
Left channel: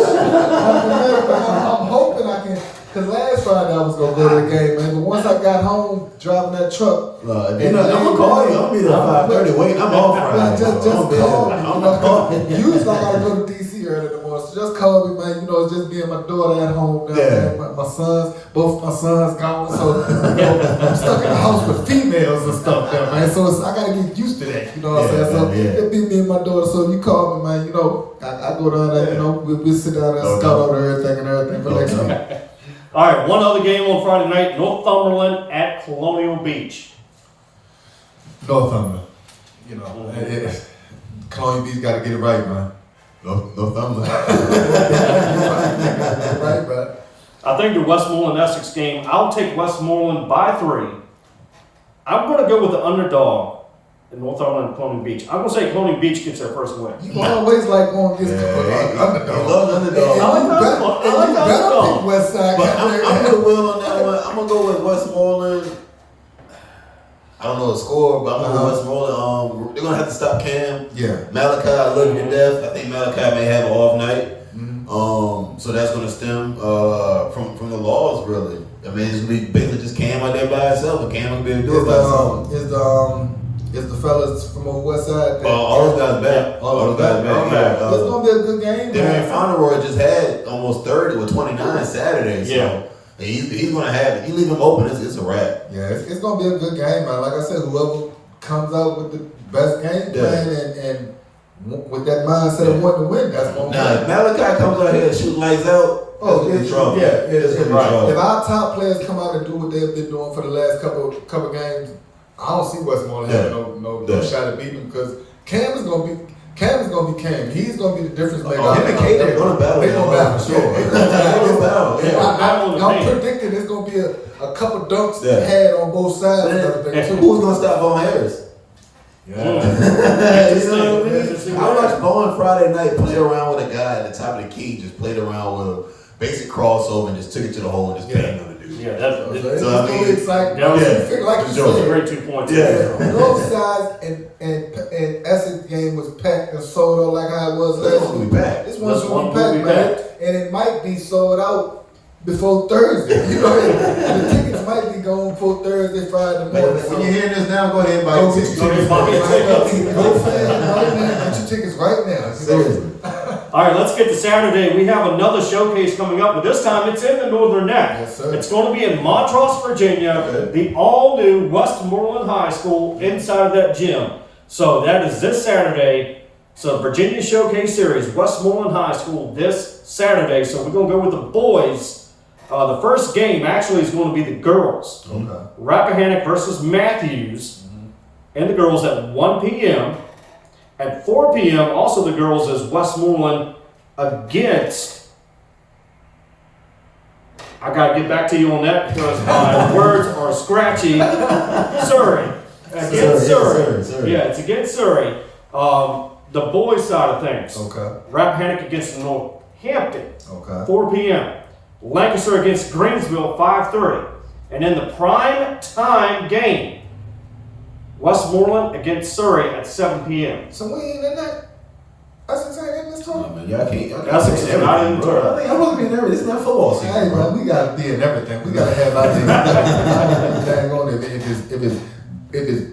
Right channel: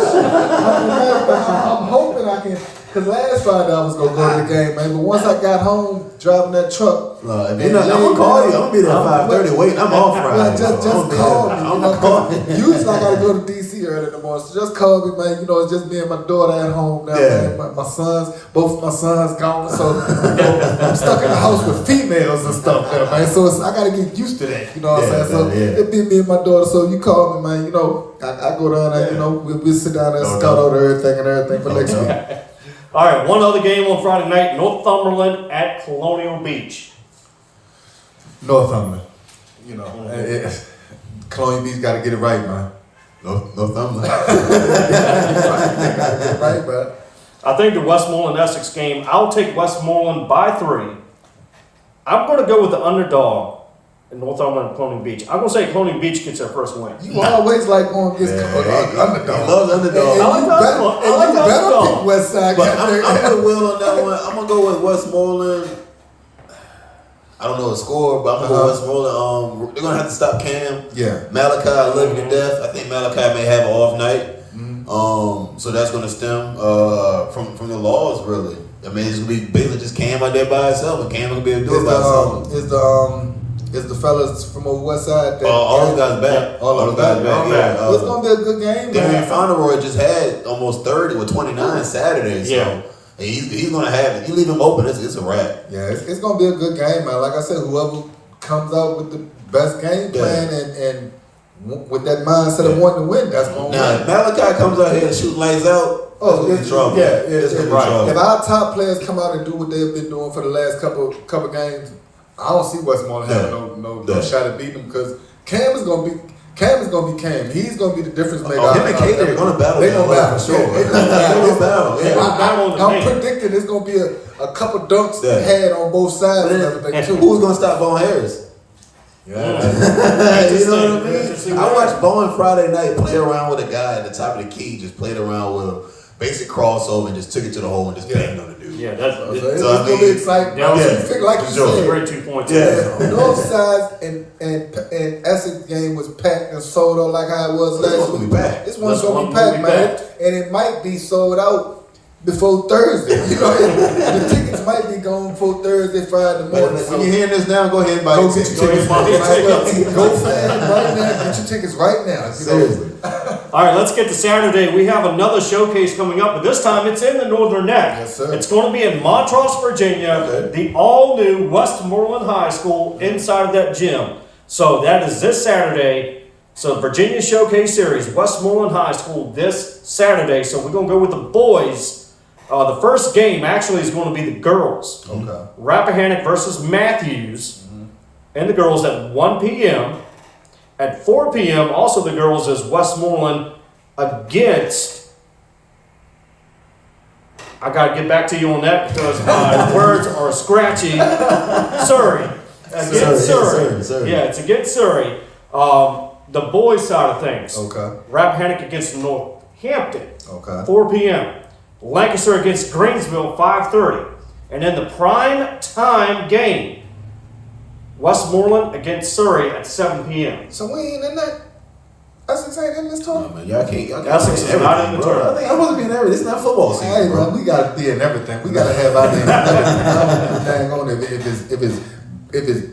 I'm hoping I can. Cause last Friday I was gonna go to the game, man. But once I got home driving that truck, No, I'm gonna call you. I'm gonna be there at 5:30. Wait, I'm off Friday. well, just call me. I'm gonna call you. Usually I gotta go to DC early in the morning, so just call me, man. It's just me and my daughter at home now. Yeah. Man. Both my sons gone, so I'm stuck in the house with females and stuff there, man. So I gotta get used to that. You know what I'm saying? So it be me and my daughter. So you call me, man. I go down there. We sit down there and scout out everything for next week. All right, one other game on Friday night, Northumberland at Colonial Beach. Northumberland. Colonial Beach got to get it right, man. Northumberland. Right, man. I think the Westmoreland Essex game, I'll take Westmoreland by 3. I'm going to go with the underdog in Northumberland and Colonial Beach. I'm going to say Colonial Beach gets their first win. You always like going against underdog. He loves underdog. I like the underdog. I like the underdog. West Side. But I'm gonna will on that one. I'm gonna go with Westmoreland. I don't know the score, but I'm gonna go Westmoreland. They're gonna have to stop Cam. Yeah. Malachi, I love you to death. I think Malachi may have an off night. So that's gonna stem from the laws, really. I mean, it's gonna be basically just Cam out there by himself, and Cam gonna be able to do it by himself. Is the fellas from over West Side? All those guys back. All those guys back. Yeah. It's gonna be a good game, Damian man. Fauneroy just had almost 30 with 29 Saturday. So He's gonna have it. You leave him open, it's a wrap. Yeah, it's gonna be a good game, man. Like I said, whoever comes out with the best game plan and with that mindset of wanting to win, that's gonna win. Now, if Malachi comes out here and shoot lights out, it's trouble. It's gonna be trouble. If our top players come out and do what they've been doing for the last couple games, I don't see Westmoreland having no shot at beating them because Cam is gonna be Cam. He's gonna be the difference maker. Him and Kate are gonna battle. They're gonna battle, sure. They're gonna battle. I'm predicting there's gonna be a couple dunks had on both sides and everything too. Who's gonna stop Bowen Harris? Yeah. You know what I mean? I watched Bowen Friday night play around with a guy at the top of the key, just played around with him, basic crossover, and just took it to the hole and just banged on the dude. Yeah, that's it's gonna be exciting. Like you said, a great 2 points. North side and Essex game was packed and sold out like how it was last week. This one's gonna be packed, man, and it might be sold out before Thursday. You know, and the tickets might be gone before Thursday, Friday morning. When you're hearing this now, go ahead and buy your tickets. Go get your tickets right now. Seriously. All right, let's get to Saturday. We have another showcase coming up, but this time it's in the Northern Neck. Yes, sir. It's going to be in Montrose, Virginia, the all-new Westmoreland High School inside of that gym. So that is this Saturday. So Virginia Showcase Series, Westmoreland High School this Saturday. So we're going to go with the boys. The first game actually is going to be the girls. Okay. Rappahannock versus Matthews, and the girls at 1 p.m. At 4 p.m., also the girls is Westmoreland against. I got to get back to you on that because my words are scratchy. Surrey. Against Surrey. Yeah, it's against Surrey. The boys' side of things. Okay. Rappahannock against Northampton. Okay. 4 p.m. Lancaster against Greensville, 5:30. And then the prime time game, Westmoreland against Surrey at 7 p.m. So we ain't in that. Essex ain't in this tournament. Y'all can't. Essex is not in the tournament. I wasn't being everything. This is not football season. Hey, man, we gotta be in everything. We gotta have our name. Dang on if it's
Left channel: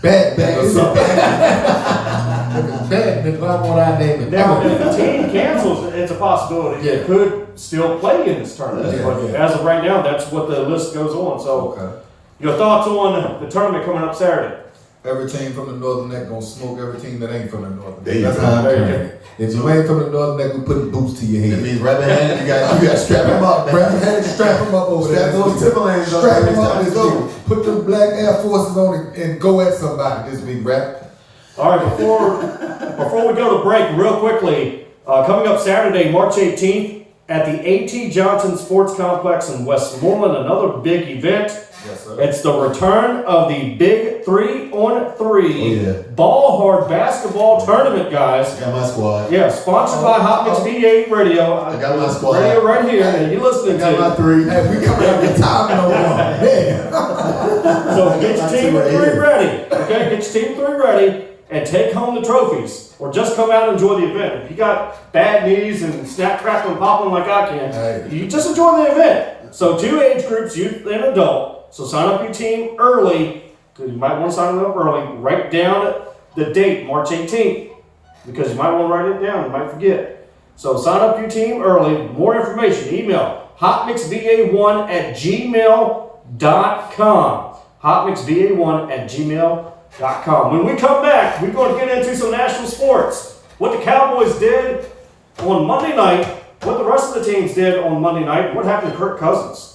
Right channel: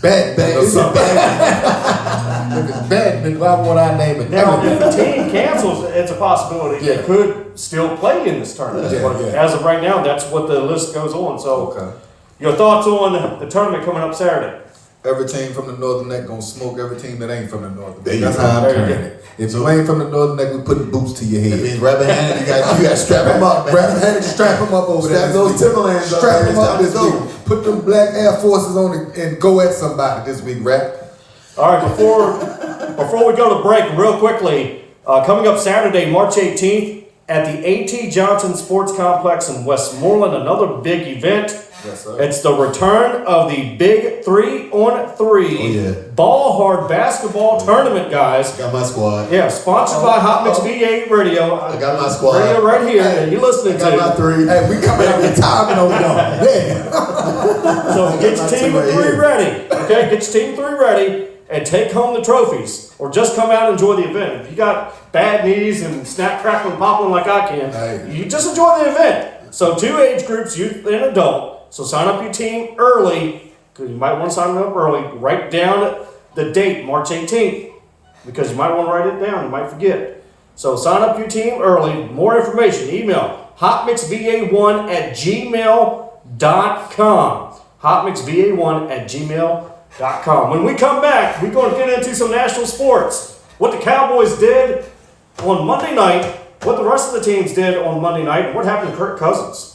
bad, or something. If it's bad, then I want our name in Now, if everything. the team cancels, it's a possibility they could still play in this tournament. Yeah, But as of right now, that's what the list goes on. So, your thoughts on the tournament coming up Saturday? Every team from the Northern Neck gonna smoke every team that ain't from the Northern There Neck. you That's go. how I'm There you playing it. If you ain't from the Northern Neck, we putting boots to your That head. means Rappahannock, you got to strap them up, man. Rappahannock, strap them up over there. Strap those Timberlands up. Strap them up Let's this go. week. Put them black Air Forces on and go at somebody this week, Rap. All right, before we go to break, real quickly, coming up Saturday, March 18th, at the A.T. Johnson Sports Complex in Westmoreland, another big event. Yes, sir. It's the return of the big 3-on-3 ball hard basketball tournament, guys. Got my squad. Yeah, sponsored by Hot Mix B8 Radio. I got my squad. Radio right here, and you're listening I got my to. three. Hey, we coming up with timing over there. Yeah. So get your team of 3 ready. Okay, get your team of 3 ready. And take home the trophies, or just come out and enjoy the event. If you got bad knees and snap, crackle, and popping like I can, you just enjoy the event. So 2 age groups, youth and adult. So sign up your team early, because you might want to sign up early. Write down the date, March 18th, because you might want to write it down. You might forget. So sign up your team early. More information, email hotmixva1@gmail.com. hotmixva1@gmail.com. When we come back, we're going to get into some national sports. What the Cowboys did on Monday night, what the rest of the teams did on Monday night, and what happened to Kirk Cousins.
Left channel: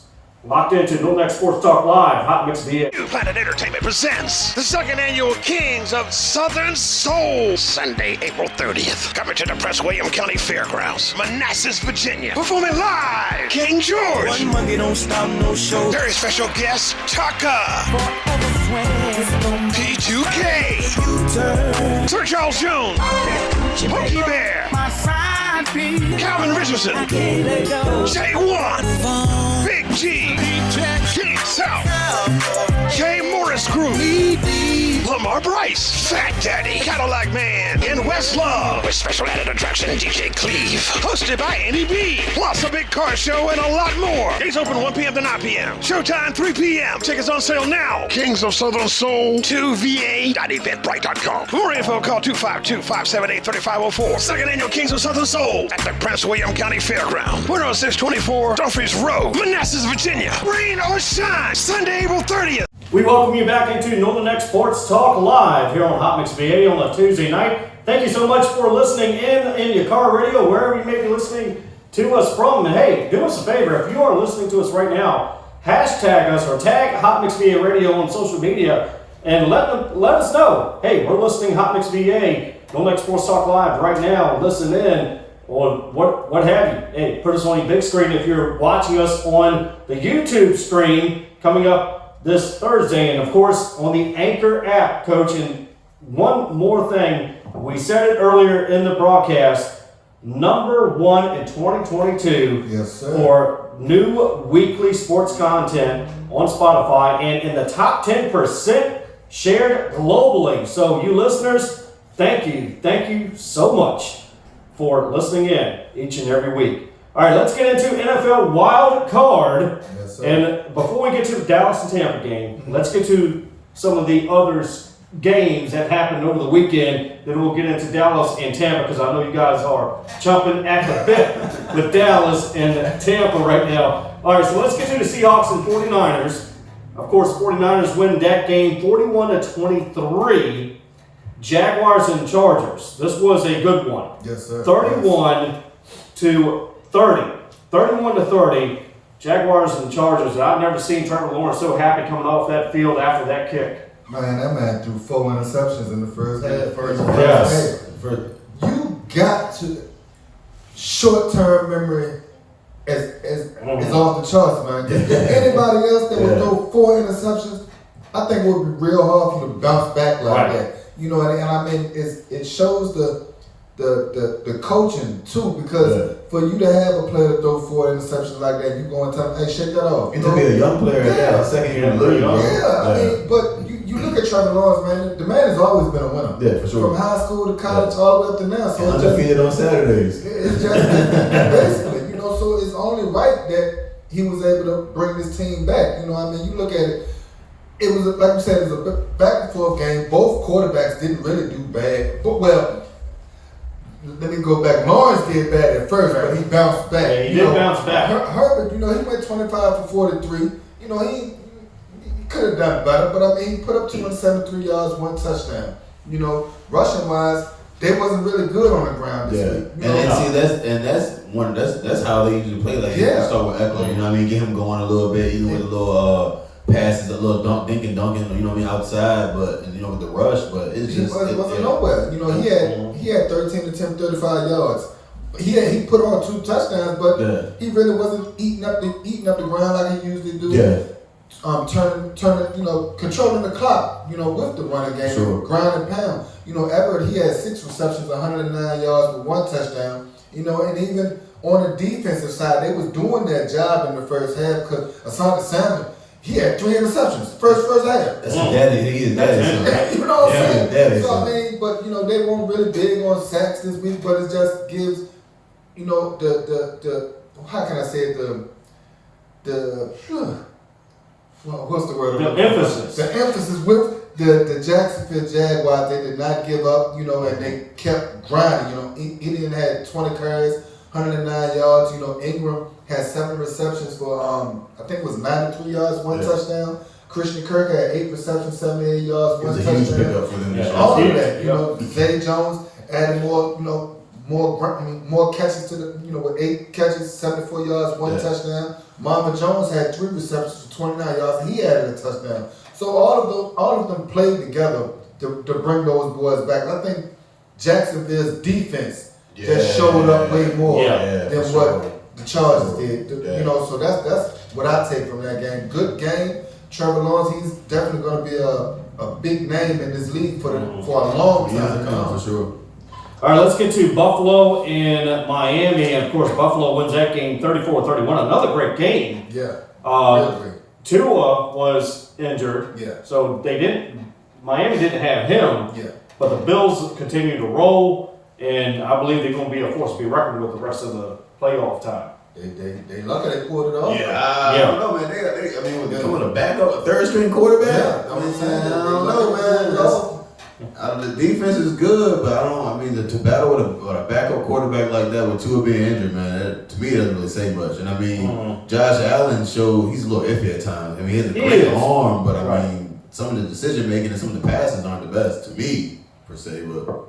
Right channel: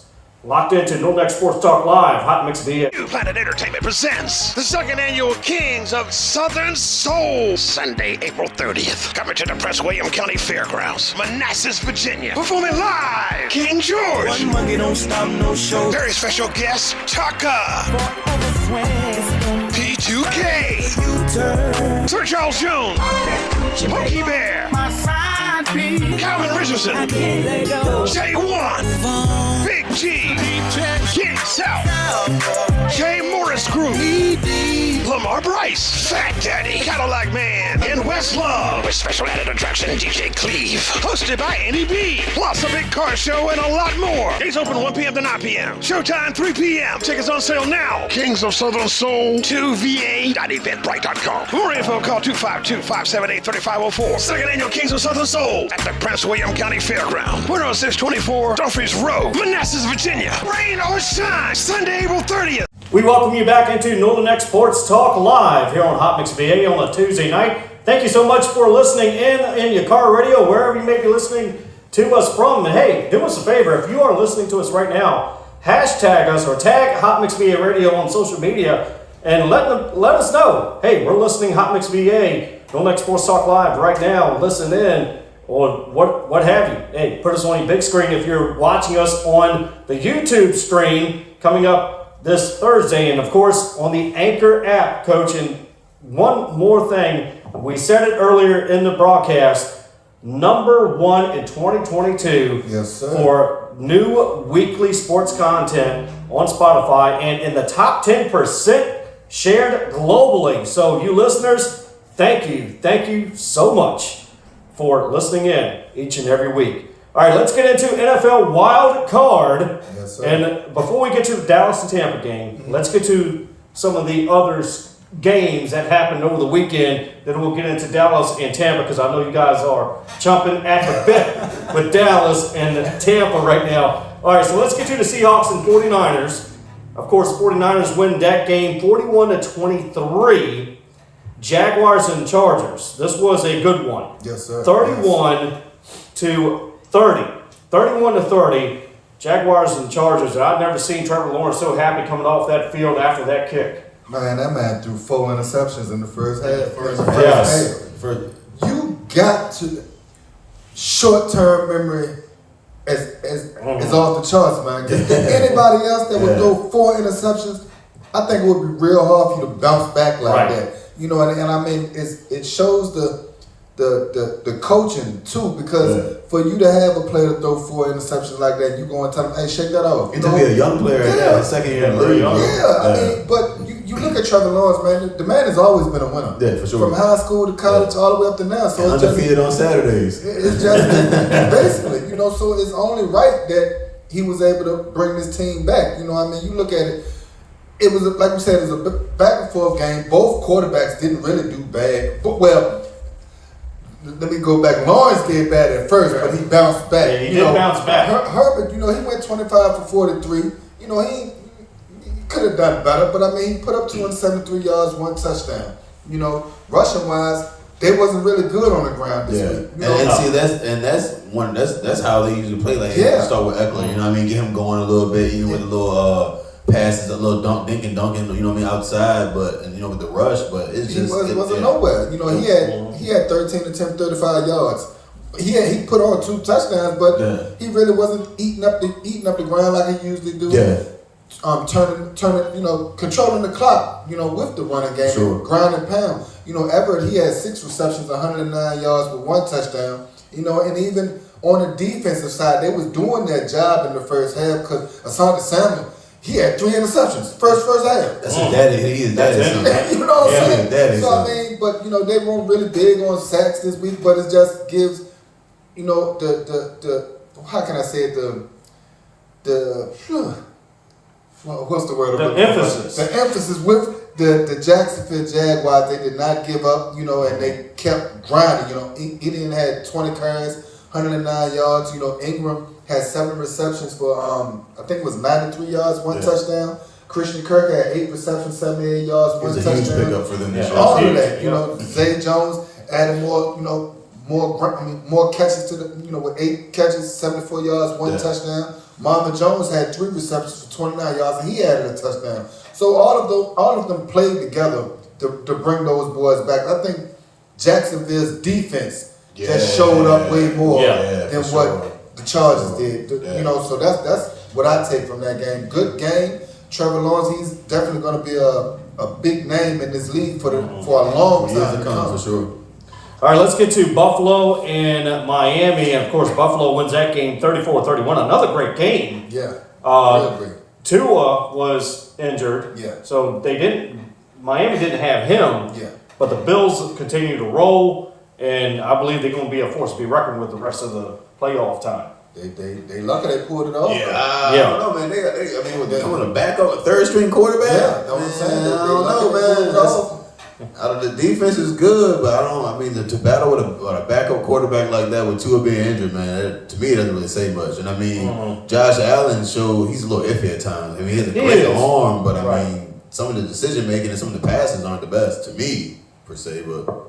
Locked into Northern Next Sports Talk Live, Hot Mix VA. New Planet Entertainment presents the 2nd Annual Kings of Southern Soul, Sunday, April 30th. Coming to the Prince William County Fairgrounds, Manassas, Virginia. Performing live, King George. One Monday don't stop, no show. Very special guest, Taka. P2K. Sir Charles Jones. Pokey Bear. Calvin Richardson. J1. Big G. King South. Jay Morris Group, Lamar Bryce, Fat Daddy, Cadillac Man, and Westlove, with special added attraction DJ Cleve, hosted by Andy B, plus a big car show and a lot more. Gates open 1 p.m. to 9 p.m. Showtime 3 p.m. Tickets on sale now. Kings of Southern Soul, 2va.eventbrite.com. For more info, call 252-578-3504. Second annual Kings of Southern Soul at the Prince William County Fairground, 10624 Dumfries Road, Manassas, Virginia. Rain or shine, Sunday, April 30th. We welcome you back into Northern Next Sports Talk Live here on Hot Mix VA on a Tuesday night. Thank you so much for listening in your car radio, wherever you may be listening to us from. And hey, do us a favor, if you are listening to us right now, hashtag us or tag Hot Mix VA Radio on social media and let us know, hey, we're listening Hot Mix VA, Northern Next Sports Talk Live right now, listen in, or what have you. Hey, put us on your big screen if you're watching us on the YouTube stream coming up this Thursday, and of course on the Anchor app, Coach. And one more thing, we said it earlier in the broadcast, #1 in 2022 Yes, sir. for new weekly sports content on Spotify, and in the top 10% shared globally. So you listeners, thank you so much for listening in each and every week. All right, let's get into NFL Wild Card. Yes, sir. And before we get to the Dallas and Tampa game, let's get to some of the other games that happened over the weekend. Then we'll get into Dallas and Tampa, because I know you guys are chomping at the bit with Dallas and Tampa right now. All right, so let's get to the Seahawks and 49ers. Of course, 49ers win that game 41-23. Jaguars and Chargers. This was a good one. Yes, sir. 31-30. Jaguars and Chargers. And I've never seen Trevor Lawrence so happy coming off that field after that kick. Man, that man threw 4 interceptions in the first half. Yes. You got to short-term memory is off the charts, man. If anybody else that would throw 4 interceptions, I think it would be real hard for you to bounce back like that. You know, and I mean, it shows the coaching too, because for you to have a player to throw 4 interceptions like that, you go and tell him, hey, shake that off. And to be a young player, second year in the league. I mean, but you look at Trevor Lawrence, man. The man has always been a winner. Yeah, for sure. From high school to college, all the way up to now. So it's undefeated on Saturdays. It's just basically, you know. So it's only right that he was able to bring this team back. You know, I mean, you look at it. It was like you said, it was a back and forth game. Both quarterbacks didn't really do bad, but let me go back. Lawrence did bad at first, but he bounced back. Yeah, he did bounce back. Herbert, you know, he went 25 for 43. You know, he could have done better, but I mean, he put up 273 yards, 1 touchdown. You know, rushing wise, they wasn't really good on the ground this week. You know, and see, that's how they usually play. Like you start with Eckler, you know what I mean? Get him going a little bit, even with a little passes, a little dunking, you know what I mean, outside, but and you know with the rush, but it's just wasn't nowhere. You know, he had 13 attempts, 35 yards. He put on 2 touchdowns, but he really wasn't eating up the ground like he usually do. Yeah. Turning, you know, controlling the clock, you know, with the running game, ground and pound. You know, Everett, he had 6 receptions, 109 yards with 1 touchdown. You know, and even on the defensive side, they was doing their job in the first half because Asante Samuel, he had 3 interceptions first half. That's his daddy. He is daddy. You know what I'm saying? Daddy, so I mean, but you know, they weren't really big on sacks this week, but it just gives, you know, the how can I say it, what's the word? The emphasis. The emphasis with the Jacksonville Jaguars. They did not give up, you know, and they kept grinding. You know, Etienne had 20 carries, 109 yards. You know, Ingram had 7 receptions for I think it was 93 yards, 1 touchdown. Christian Kirk had 8 receptions, 78 yards, 1 touchdown. It was a huge pickup for them this year. All of that, you know, Zay Jones added more, you know, more catches to the, you know, with 8 catches, 74 yards, 1 touchdown. Mama Jones had 3 receptions for 29 yards, and he added a touchdown. So all of them played together to bring those boys back. I think Jacksonville's defense just showed up way more than what the Chargers did. You know, so that's what I take from that game. Good game. Trevor Lawrence, he's definitely going to be a big name in this league for a long time to come. For sure. All right, let's get to Buffalo and Miami. And of course, Buffalo wins that game 34-31. Another great game. Yeah. Real great. Tua was injured. Yeah. So Miami didn't have him. Yeah. But the Bills continue to roll, and I believe they're going to be a force to be reckoned with the rest of the playoff time. They lucky they pulled it off. Yeah, I don't know, man. I mean, they're going to back up a third string quarterback. Yeah, that's what I'm saying. I don't know, man. Out of the defense is good, but to battle with a backup quarterback like that with Tua being injured, man, to me it doesn't really say much. And I mean, Josh Allen showed he's a little iffy at times. I mean, he has a great arm, but I mean, some of the decision making and some of the passes aren't the best to me per se. But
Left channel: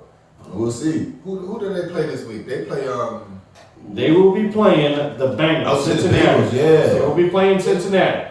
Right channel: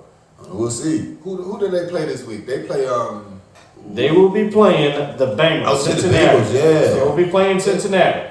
we'll see. Who do they play this week? They play They will be playing the Bengals, Cincinnati. The Bengals, yeah. They will be playing Cincinnati.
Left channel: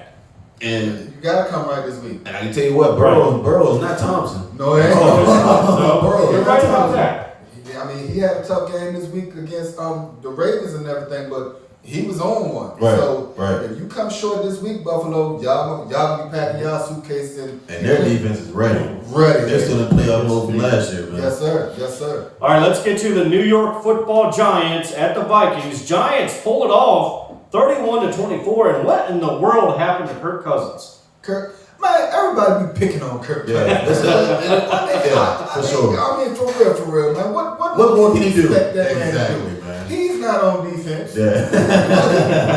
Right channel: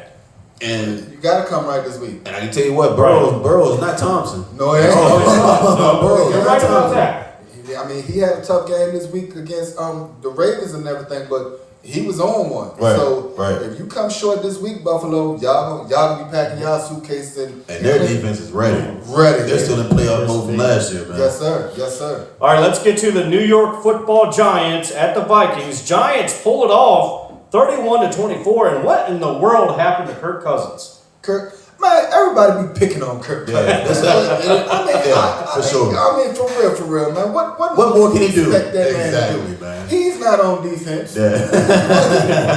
And you gotta come right this week. And I can tell you what, Burrow is not Thompson. No, it ain't. No, Burrow. You're right about that. I mean, he had a tough game this week against the Ravens and everything, but he was on one. Right, so right. if you come short this week, Buffalo, y'all be packing y'all suitcases and their defense is ready. They're still in playoff mode from last year, man. Yes, sir. Yes, sir. All right, let's get to the New York Football Giants at the Vikings. Giants pull it off, 31-24. And what in the world happened to Kirk Cousins? Man, everybody be picking on Kirk Cousins. For sure. I mean, for real, man. What more can he do? Exactly, man. He's not on defense. Yeah.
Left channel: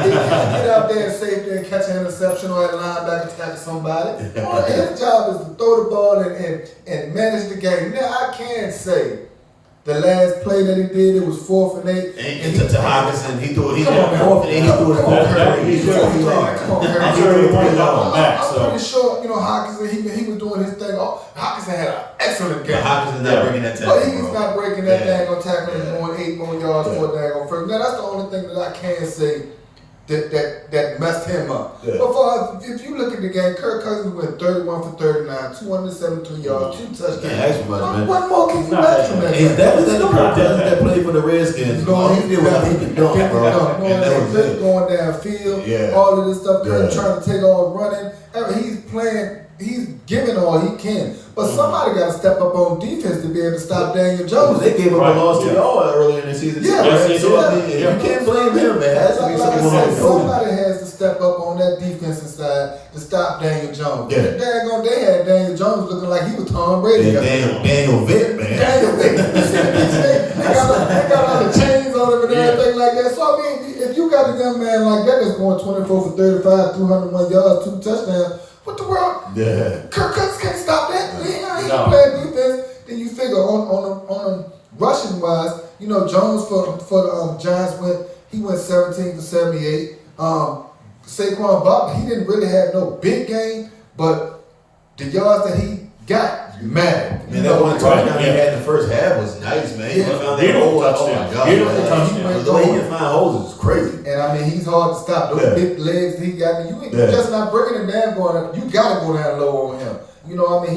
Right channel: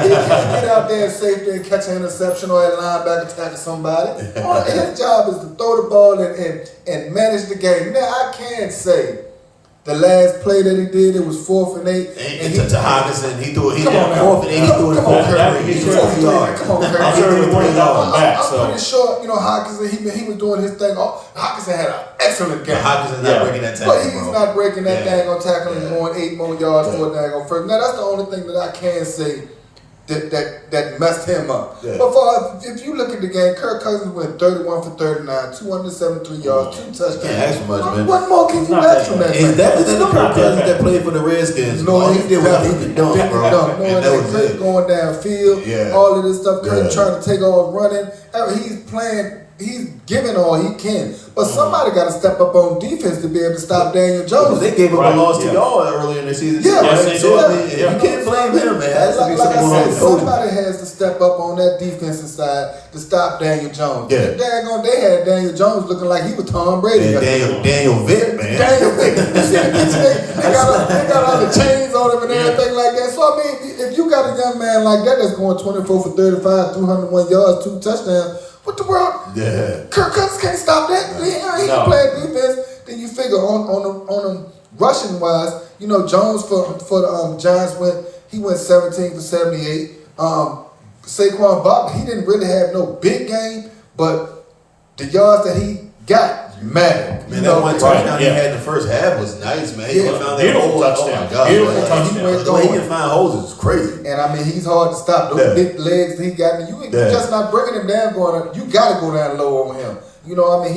He can't get out there and safety and catch an interception or that linebacker tackle somebody. His job is to throw the ball and manage the game. Now, I can say the last play that he did, it was 4th and 8. And to Hockenson, he threw it 4th and 8. He threw it 4th yards. Come on, Kirk. I'm sure he wanted that one back. I'm pretty sure, Hockenson, he was doing his thing. Hockenson had an excellent game. But Hockenson not breaking that tackle. But he's not breaking that dang on tackle and going 8 more yards for a dang on first. Now, that's the only thing that I can say that messed him up. Yeah. But if you look at the game, Kirk Cousins went 31 for 39, 273 yards, 2 touchdowns. Can't ask for much, man. What more can you ask from that? He's definitely the Kirk Cousins that played for the Redskins. No, he did what he could dunk, bro. And that was it. Going downfield, all of this stuff, Kirk trying to take off running. I mean, he's giving all he can. But somebody got to step up on defense to be able to stop Daniel Jones. They gave him a loss to y'all earlier in the season. Yeah, you can't blame him, man. Like I said, somebody has to step up on that defensive side to stop Daniel Jones. Yeah. They had Daniel Jones looking like he was Tom Brady. Yeah, Daniel Vitt, man. Daniel Vitt. They got all the chains on him and everything like that. So, I mean, if you got a young man like that that's going 24 for 35, 201 yards, 2 touchdowns, what the world? Yeah. Kirk Cousins can't stop that. He can play defense. Then you figure on rushing wise, Jones for the Giants went 17 for 78. Saquon Barkley, he didn't really have no big game, but the yards that he got mattered. Man, that one touchdown he had in the first half was nice, man. He found that hole. Oh my God. Beautiful touchdown. The way he can find holes is crazy. And I mean, he's hard to stop. Those big legs that he got. You just not bringing him down you got to go down low on him. He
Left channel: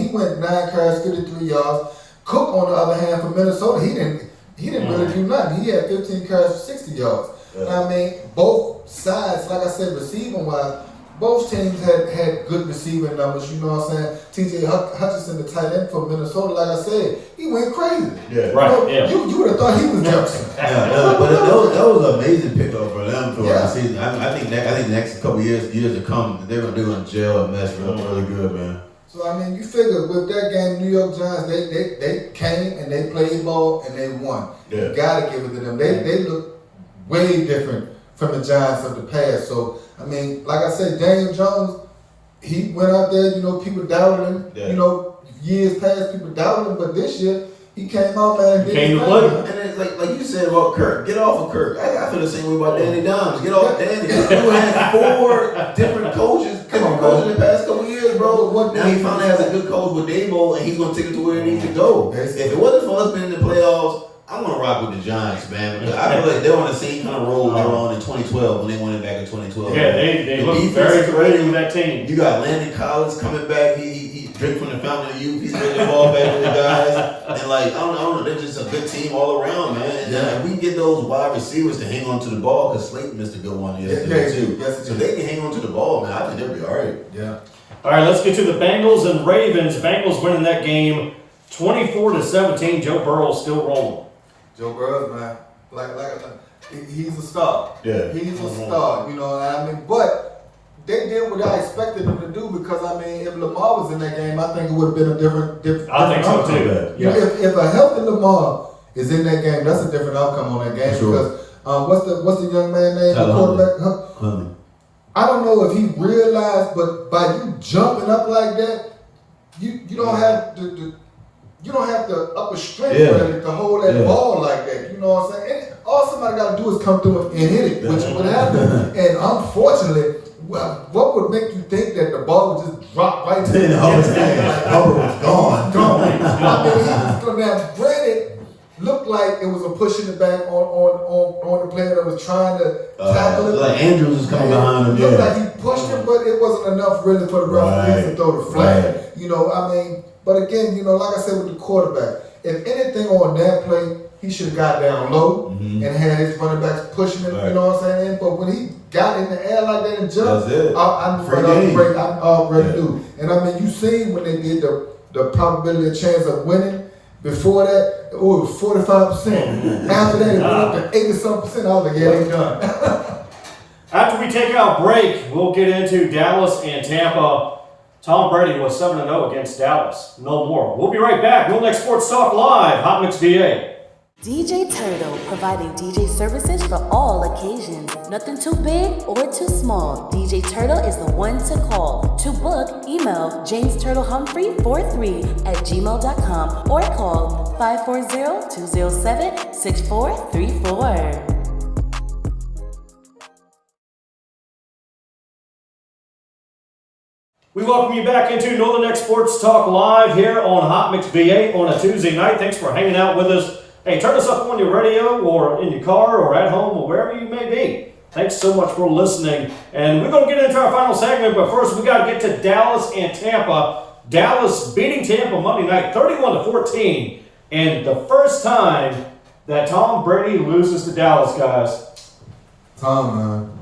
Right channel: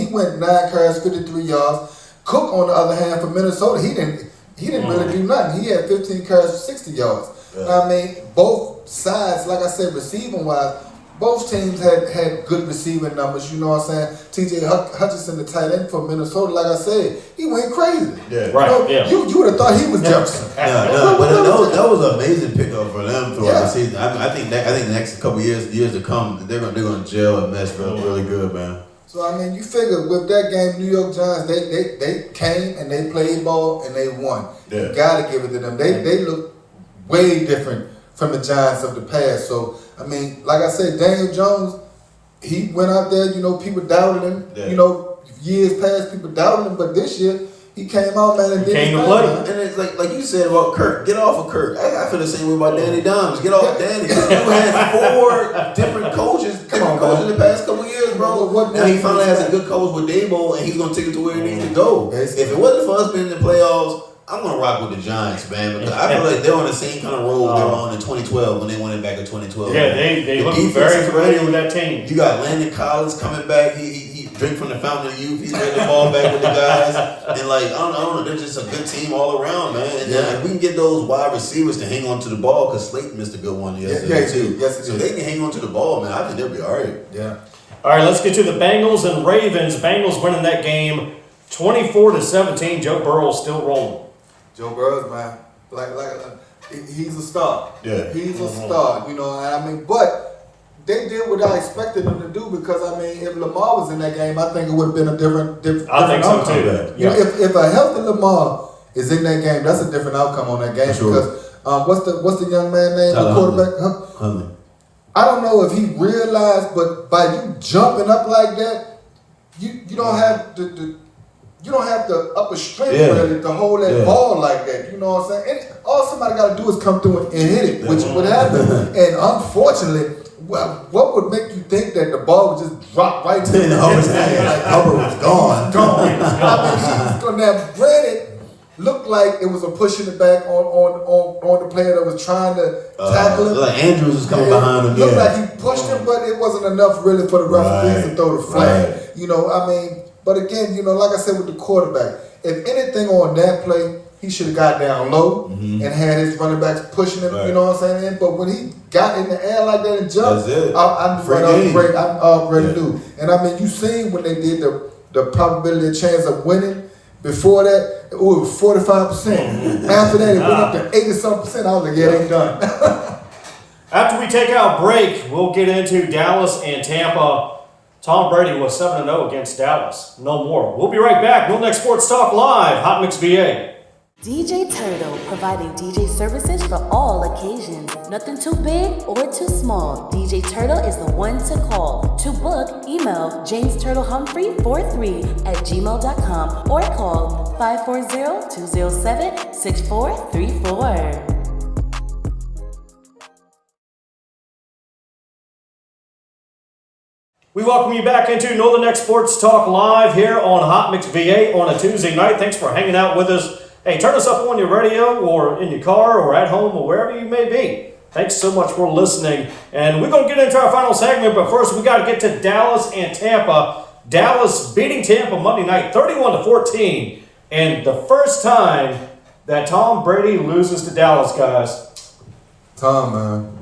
went 9 carries, 53 yards. Cook, on the other hand, for Minnesota, he didn't really do nothing. He had 15 carries for 60 yards. Yeah. I mean, both sides, like I said, receiving wise, both teams had good receiving numbers. You know what I'm saying? T.J. Hutchinson, the tight end for Minnesota, like I said, he went crazy. Yeah, You would have thought he was Jefferson. But that was an amazing pickup for them for the season. I think the next couple years to come, they're gonna gel and mess really good, man. So, I mean, you figure with that game, New York Giants, they came and they played ball and they won. Yeah. You got to give it to them. They look way different from the Giants of the past. So, I mean, like I said, Daniel Jones, he went out there, people doubted him. Yeah. Years past, people doubted him. But this year, he came out, man, and came to play. And it's like you said about Kirk, get off of Kirk. I feel the same way about Danny Dimes. Get off of Danny. You had 4 different coaches in the past couple years, bro. Now he finally has a good coach with Dabo, and he's going to take it to where it needs to go. Basically. If it wasn't for us being in the playoffs, I'm going to rock with the Giants, man. I feel like they're on the same kind of roll they were on in 2012 when they won it back in 2012. Yeah, they look very familiar with that team. You got Landon Collins coming back. He drink from the fountain of youth. He's getting the ball back to the guys. And I don't know, they're just a good team all around, man. And if we can get those wide receivers to hang on to the ball, because Slayton missed a good one yesterday too. Yes, so they can hang on to the ball, man. I think they'll be all right. Yeah. All right, let's get to the Bengals and Ravens. Bengals winning that game 24-17. Joe Burrow's still rolling. Joe Burrow, man, he's a star. Yeah, he's a star. But they did what I expected them to do because, I mean, if Lamar was in that game, I think it would have been a different I think so outcome. too. You know, if a healthy Lamar is in that game, that's a different outcome on that game. Sure. Because what's the young man name? The quarterback? I don't know if he realized, but by you jumping up like that, you don't have the upper strength really to hold that ball like that. You know what I'm saying? And all somebody got to do is come through and hit it, which would happen. And unfortunately, what would make you think that the ball would just drop right to the Hubbard's hand? Like Hubbard was gone. I mean, he was going to have granted. Looked like it was a pushing it back on the player that was trying to tackle him. Like Andrews was coming behind him. Looked like he pushed him, but it wasn't enough really for the referees to throw the flag. Right. You know, I mean, but again, you know, like I said with the quarterback, if anything on that play, he should have got down low and had his running backs pushing him. Right. You know what I'm saying? But when he got in the air like that and jumped, I already knew. And I mean, you seen when they did the probability of chance of winning. Before that, it was 45%. After that, it went up to 80-something%. I was like, yeah, they done. After we take our break, we'll get into Dallas and Tampa. Tom Brady was 7-0 against Dallas. No more. We'll be right back. Real Next Sports Talk Live, Hot Mix VA. DJ Turtle, providing DJ services for all occasions. Nothing too big or too small. DJ Turtle is the one to call. To book, email jamesturtlehumphrey43@gmail.com or call 540-207-6434. We welcome you back into Northern X Sports Talk Live here on Hot Mix VA on a Tuesday night. Thanks for hanging out with us. Hey, turn us up on your radio or in your car or at home or wherever you may be. Thanks so much for listening. And we're going to get into our final segment, but first we got to get to Dallas and Tampa. Dallas beating Tampa Monday night 31-14. And the first time that Tom Brady loses to Dallas, guys. Tom, man.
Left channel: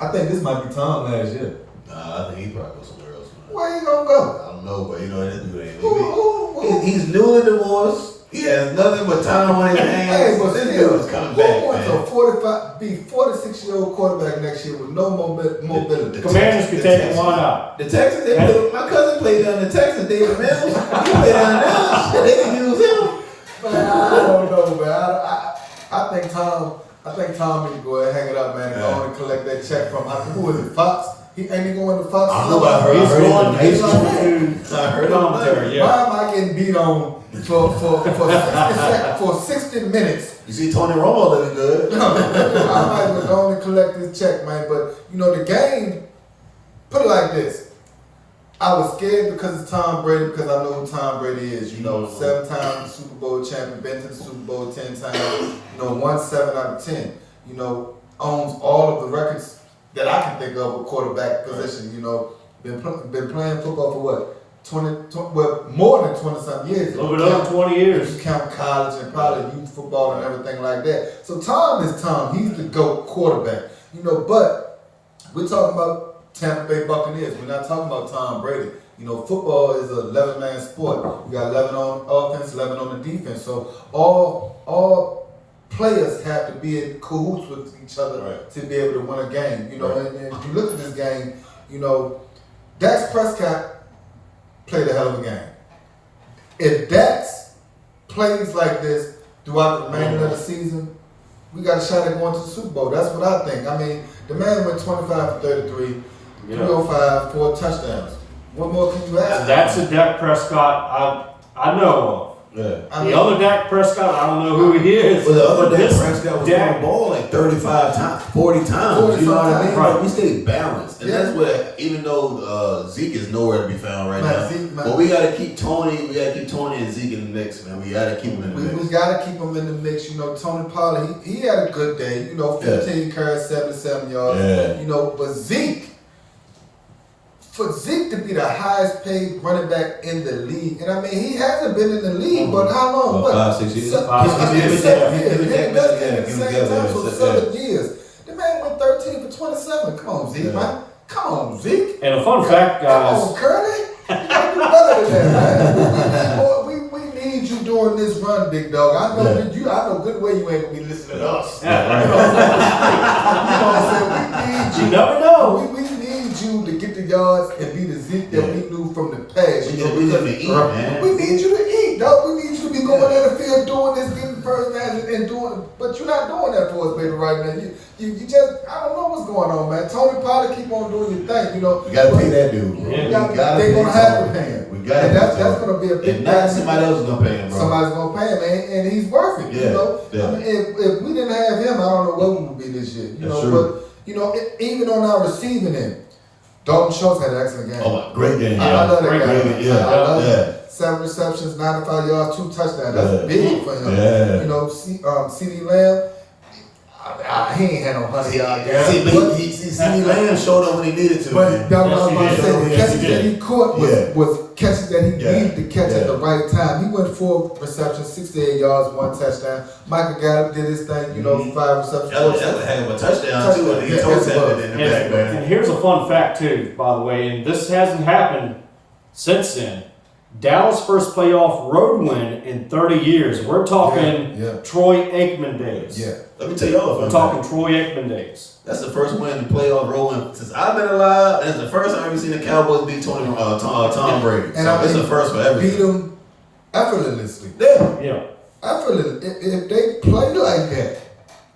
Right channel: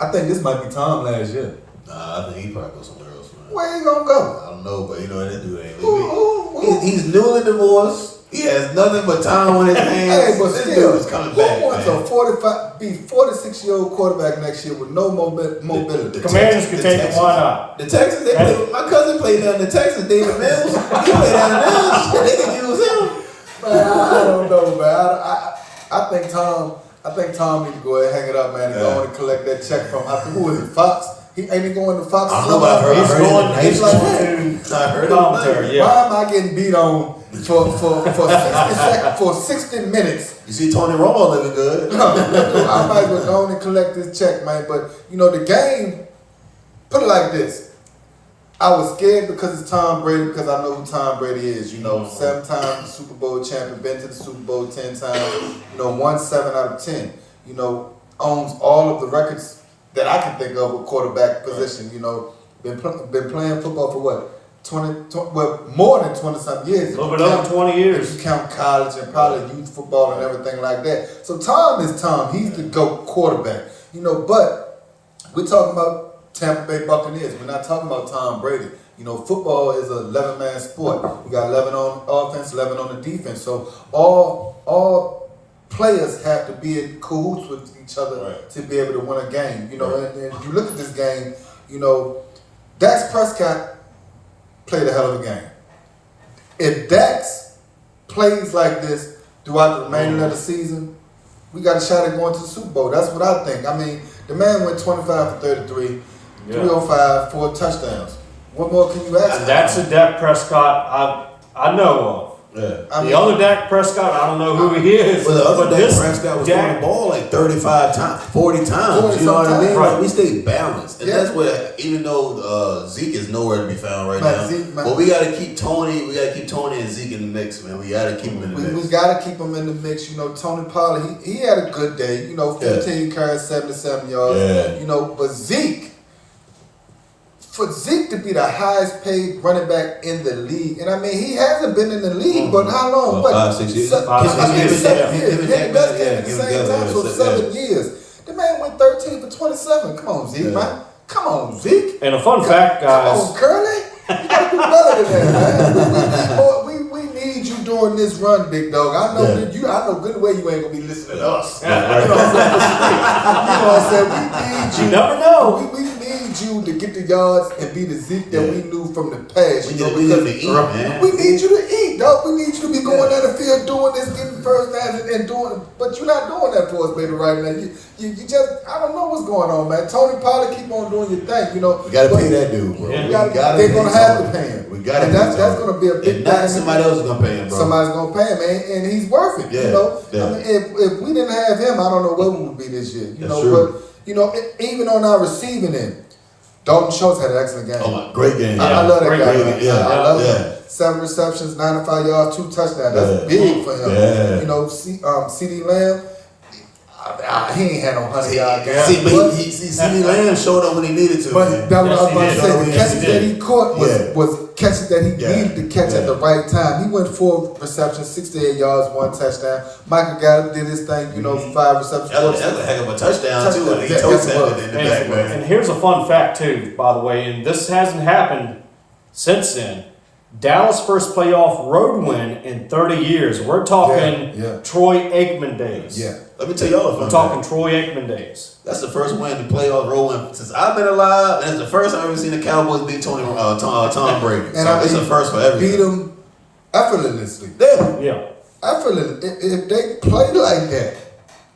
I think this might be Tom last year. I think he probably goes somewhere else, man. Where he gonna go? I don't know, but you know, that dude ain't. He's newly divorced. He has nothing but time on his hands. Hey, but this still, dude is coming back, who wants man. a 46-year-old quarterback next year with no mobility? Commanders can take it, why not? The Texans, my cousin played down in the Texans, David Mills. He played down there. They can use him. Man, I don't know, man. I think Tom need to go ahead and hang it up, man, and go on and collect that check from, who is it, Fox? Ain't he going to Fox? I don't know what I heard. He's going I heard commentary, yeah. Why am I getting beat on for 60 minutes? You see Tony Romo looking good. No, I might as well go on and collect this check, man. But, you know, the game, put it like this. I was scared because it's Tom Brady, because I know who Tom Brady is. You know, 7-time Super Bowl champion, been to the Super Bowl 10 times, you know, won 7 out of 10. You know, owns all of the records that I can think of a quarterback position. Right. You know, been playing football for what? 20 more than 20-something years. A little bit over 20 years. If you count college and probably youth football and everything like that. So Tom is Tom. He's the GOAT quarterback. You know, but we're talking about Tampa Bay Buccaneers. We're not talking about Tom Brady. You know, football is a 11-man sport. You got 11 on offense, 11 on the defense. So all players have to be in cahoots with each other to be able to win a game. You know, and if you look at this game, you know, Dak Prescott played a hell of a game. If Dax plays like this throughout the remainder of the season, we got a shot at going to the Super Bowl. That's what I think. I mean, the man went 25 for 33, 305, 4 touchdowns. What more can you ask? And that's a Dak Prescott I know of. Yeah. The other Dak Prescott, I don't know who he is. But the other Dak Prescott was on the ball like 35 times, 40 times. You know what I mean? Right. Like, we stay balanced. And that's what, even though Zeke is nowhere to be found right now. But we got to keep Tony and Zeke in the mix, man. We got to keep them in the mix. We got to keep them in the mix. You know, Tony Pollard, he had a good day. You know, 15 carries, 77 yards. Yeah. You know, but for Zeke to be the highest paid running back in the league, and I mean, he hasn't been in the league, but how long? 5, 6 years. 7 years. At the same time, so 7 years. The man went 13 for 27. Come on, Zeke, man. Come on, Zeke. And a fun fact, guys. Come on, Curly. You gotta do better than that, man. We need you during this run, big dog. I know that I know good way you ain't gonna be listening to us. You know what I'm saying? We need you. You never know. We need you to get the yards and be the Zeke that we knew from the past. We need him to eat, man. We need you to eat, dog. We need you to be going down the field doing this, getting first downs and doing. But you're not doing that for us, baby, right now. You just, I don't know what's going on, man. Tony Pollard, keep on doing your thing, you know. You gotta pay that dude, bro. Yeah. They're gonna have to pay him. We gotta. And that's gonna be a big If not, thing. somebody else is gonna pay him, bro. Somebody's gonna pay him, and he's worth it. Yeah, You know, yeah. I mean, if we didn't have him, I don't know what we would be this year. You That's know, true. but you know, even on our receiving end, Dalton Schultz had an excellent game. Oh, great game. I love that great guy. game. Yeah, I love yeah. him. 7 receptions, 95 yards, 2 touchdowns. That's Yeah. big for him. Yeah. You know, CD Lamb, he ain't had no 100-yard game. See, but CD Lamb showed up when he needed to. But man. that was what I was Yes, about to say. The Yes, catches he that did. he caught was catches that he Yeah. needed to catch at Yeah. the right time. He went 4 receptions, 68 yards, 1 touchdown. Michael got up, did his thing, you know, 5 receptions. That was a heck of a touchdown, too. And he Yeah, told yes, it him was. in the back, man. And here's a fun fact too, by the way, and this hasn't happened since then. Dallas' first playoff road win in 30 years. We're talking Yeah. Troy Aikman days. Yeah. Let me tell y'all a fun We're talking fact. Troy Aikman days. That's the first win in playoff rolling since I've been alive, and it's the first time I've ever seen the Cowboys beat Tom Brady. And So I it's mean, a first for everything. beat him effortlessly. Yeah. Effortlessly. If they play like that,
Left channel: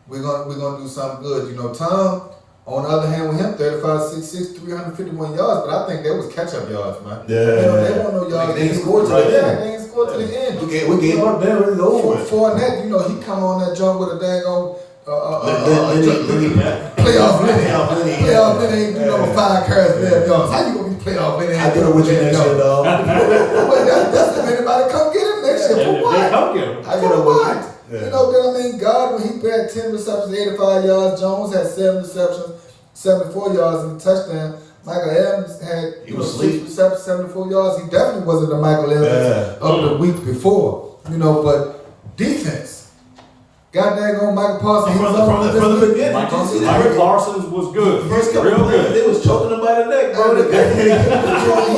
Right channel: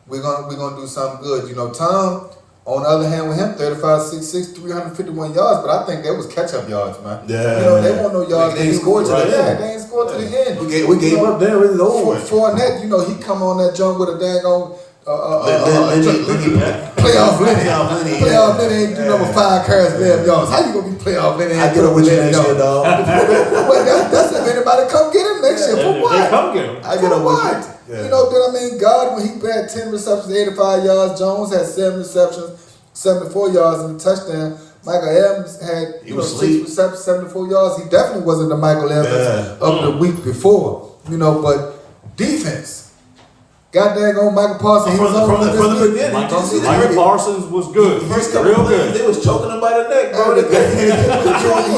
we're gonna do something good. You know, Tom, on the other hand, with him, 35-6'6", 351 yards, but I think that was catch-up yards, man. Yeah. You know, they want no yards. They didn't score to the Yeah, end. they ain't scored to the end. We gave up there, really over. Fournette, you know, he come on that jump with a daggone Lenny. playoff Lenny. Lenny. Playoff Lenny, you know, with 5 carries, 11 yards. How you gonna be playoff Lenny? I get up with you next year, dog. Well, that's if anybody come get him next year. And For if what? they come get him. I get For up what? with you. You know, but I mean, God, when he had 10 receptions, 85 yards, Jones had 7 receptions, 74 yards and a touchdown. Michael Evans had He 6 was asleep. receptions, 74 yards. He definitely wasn't the Michael Evans of the week before. You know, but defense. God dang on Michael Parsons. He was on From the beginning. Michael Parsons was good. First couple Real of games, good. they was choking him by the neck, bro. He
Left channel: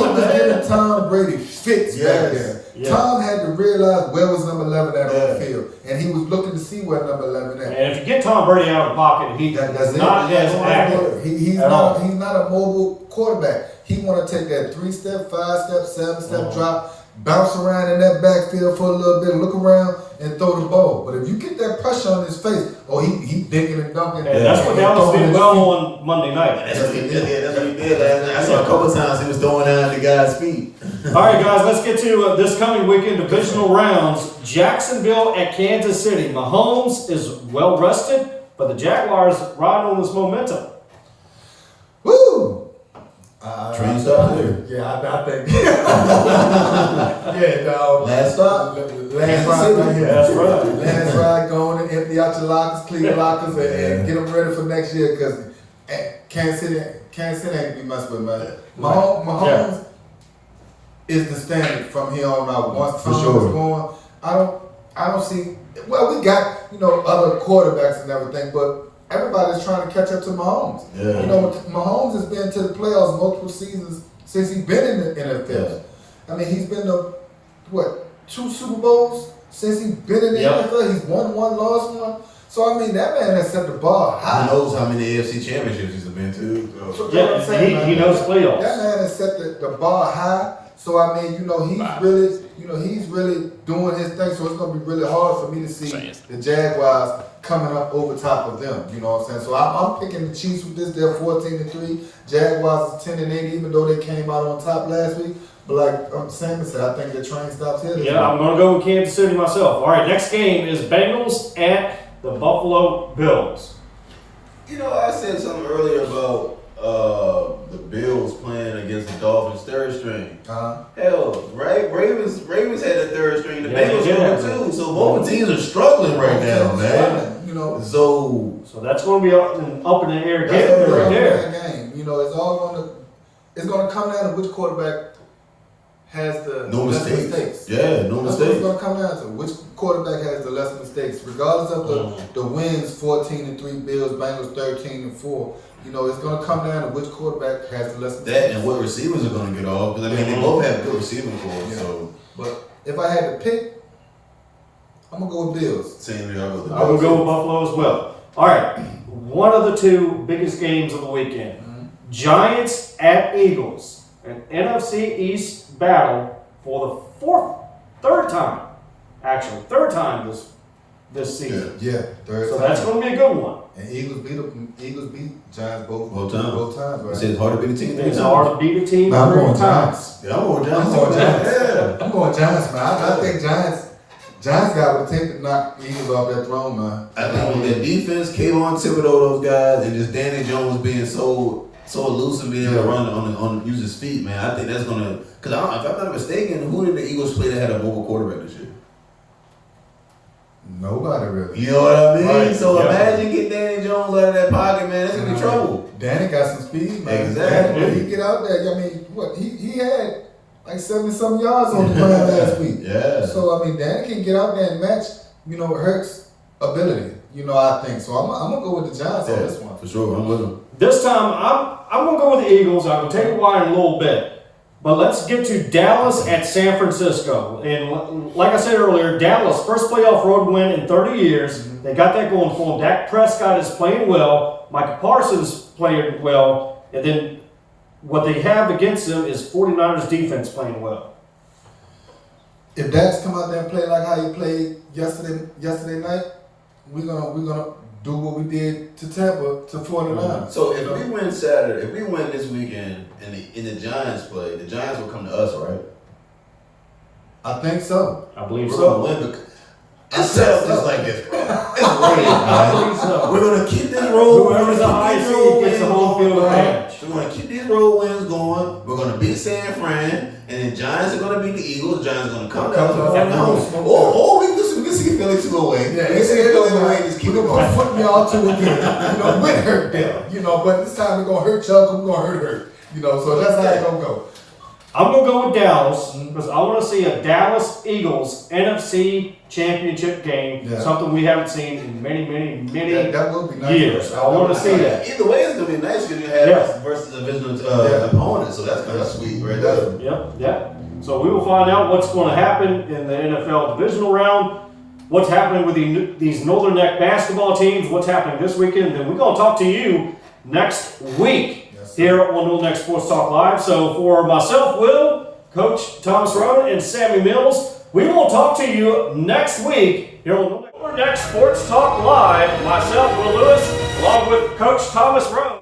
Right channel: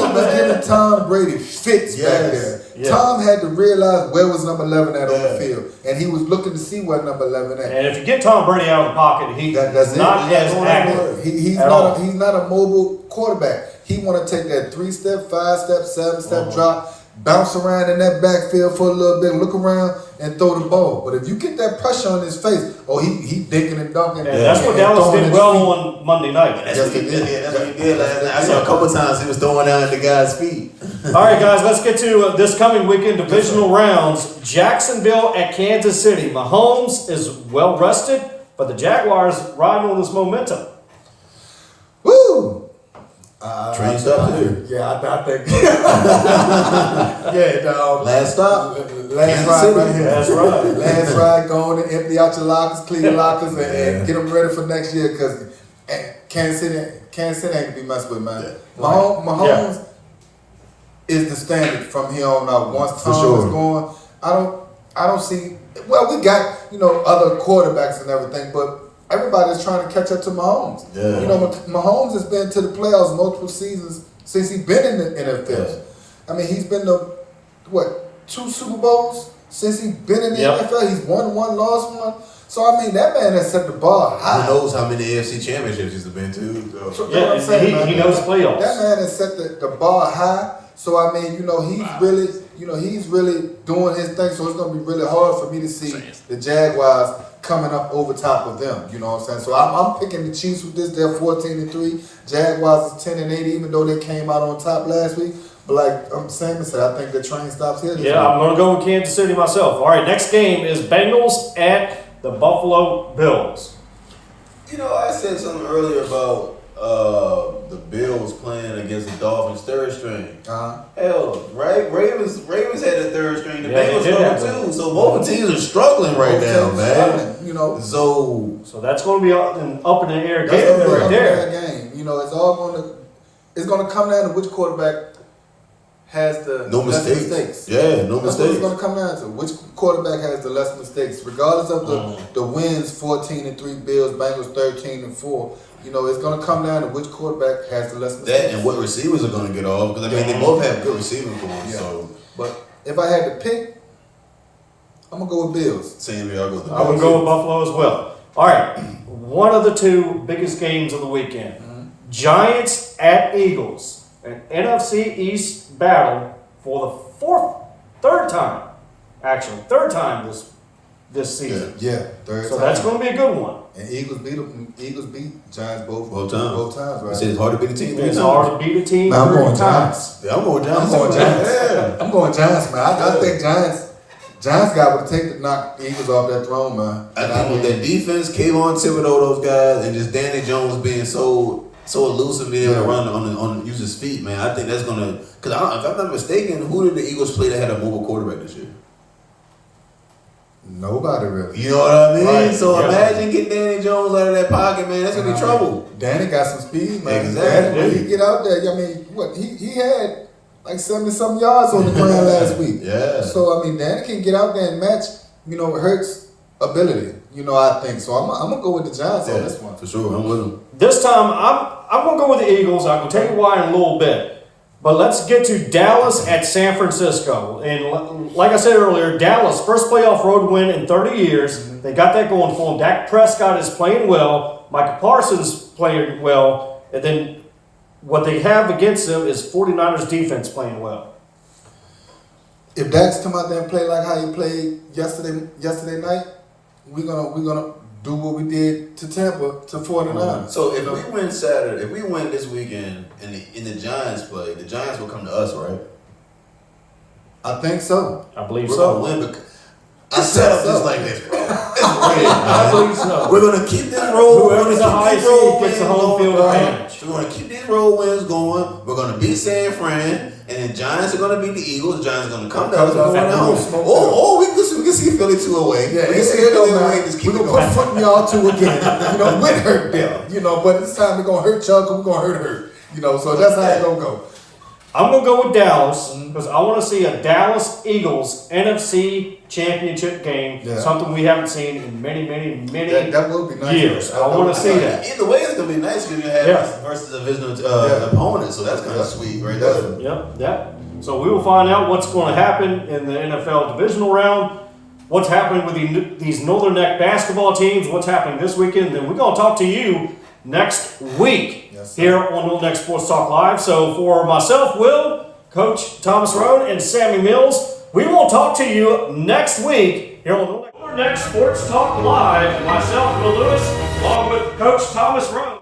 was giving Tom Brady fits back Yes. there. Yeah. Tom had to realize where was number 11 at on the field, and he was looking to see where number 11 at. And if you get Tom Brady out of the pocket, he's That's it. not as active. He's at all. not a mobile quarterback. He want to take that 3-step, 5-step, 7-step drop, bounce around in that backfield for a little bit, look around and throw the ball. But if you get that pressure on his face, he dinking and dunking. And that's what Dallas throwing did his well feet. on Monday night. That's what he did. Yeah, that's what he did last night. I saw a couple times he was throwing out the guy's feet. All right, guys, let's get to this coming weekend divisional rounds. Jacksonville at Kansas City. Mahomes is well rested, but the Jaguars riding on this momentum. Woo! Train stop here. Yeah, I think. Yeah, dog. Last stop. Last ride right here. That's right. Last ride, go on and empty out your lockers, clean your lockers, and get them ready for next year. Because Kansas City ain't to be messed with, man. Mahomes is the standard from here on out. Once Tom is going, I don't see. Well, we got other quarterbacks and everything, but everybody's trying to catch up to Mahomes. Yeah. You know, Mahomes has been to the playoffs multiple seasons since he's been in the NFL. Yeah. I mean, he's been to 2 Super Bowls since he's been in the NFL. He's won one, lost one. So I mean, that man has set the bar high. Who knows how many AFC championships he's been to? So Yeah, what I'm saying, he knows playoffs. That man has set the bar high. So I mean, he's really doing his thing. So it's gonna be really hard for me to see the Jaguars coming up over top of them. You know what I'm saying? So I'm picking the Chiefs with this. They're 14-3. Jaguars is 10-8, even though they came out on top last week. But like Sam said, I think the train stops here. Yeah, I'm going to go with Kansas City myself. All right, next game is Bengals at the Buffalo Bills. You know, I said something earlier about the Bills playing against the Dolphins' third string. Hell, right? Ravens had the third string. The Bengals struggle too. So both teams are struggling right now, man. You know, So that's going to be an up in the air that's game gonna be right a there. game. You know, it's going to come down to which quarterback has the no less mistakes. Yeah, no That's what mistakes. it's going to come down to. Which quarterback has the less mistakes, regardless of the wins? 14-3 Bills, Bengals 13-4. You know, it's going to come down to which quarterback has the less mistakes. That and what receivers are going to get off because I mean they both have good receiving corps. Yeah. So, But if I had to pick, I'm gonna go with Bills. same here. I'm going to go with Buffalo as well. All right, one of the 2 biggest games of the weekend. Giants at Eagles, an NFC East battle for the third time this season. Yeah, third So time. that's going to be a good one. And Eagles beat Giants both I times, right? said it's hard to beat a team. It's hard to beat a team Man, I'm 3 going times. Giants. Yeah, I'm going Giants. I'm going Giants. Yeah. I'm going Giants, man. I think Giants got what it take to knock the Eagles off that throne, man. I think with that defense, Kayvon Thibodeau, those guys, and just Danny Jones being so elusive, being able to run on use his feet, man. I think that's gonna. Because if I'm not mistaken, who did the Eagles play that had a mobile quarterback this year? Nobody really. You know what I mean? Right. So Yeah. imagine getting Danny Jones out of that pocket, man. That's gonna be trouble. Danny got some speed, man. Exactly. Danny, he get out there. I mean, what he had like 70-some yards on the ground last week. Yeah. So I mean, Danny can get out there and match, Hurts' ability. I think so. I'm gonna go with the Giants on this one for sure. I'm with him. This time, I'm going to go with the Eagles. I'm going to tell you why in a little bit. But let's get to Dallas at San Francisco. And like I said earlier, Dallas, first playoff road win in 30 years. They got that going for them. Dak Prescott is playing well. Micah Parsons playing well. And then what they have against them is 49ers defense playing well. If Dax come out there and play like how he played yesterday night, we're gonna do what we did to Tampa to 49ers. So if we win Saturday, if we win this weekend, and the Giants play, the Giants will come to us, right? I think so. I believe We're so. gonna win because it's set up just like this, bro. It's great, I man. believe so. We're gonna keep this road. Whoever's the high seed gets the home field advantage. We're gonna keep these road wins going. We're gonna beat San Fran, and the Giants are gonna beat the Eagles. The Giants are gonna come to us. Or we can see Philly 2 away. Yeah, we can see Philly away. Just keep we're it gonna going. put y'all 2 again. With hurt Bill. But this time we're gonna hurt y'all because we're gonna hurt her. So that's how it's gonna go. I'm going to go with Dallas because I want to see a Dallas-Eagles NFC championship game, something we haven't seen in many that will be nice. years. I want to see that. Either way, it's gonna be nice because you have versus a divisional opponent, so that's kind of sweet right there. Yep. So we will find out what's going to happen in the NFL divisional round, what's happening with these Northern Neck basketball teams, what's happening this weekend. Then we're going to talk to you next week here on Northern Neck Sports Talk Live. So for myself, Will, Coach Thomas Roane, and Sammy Mills, we will talk to you next week here on Northern Neck Sports Talk Live. Myself, Will Lewis, along with Coach Thomas Roane.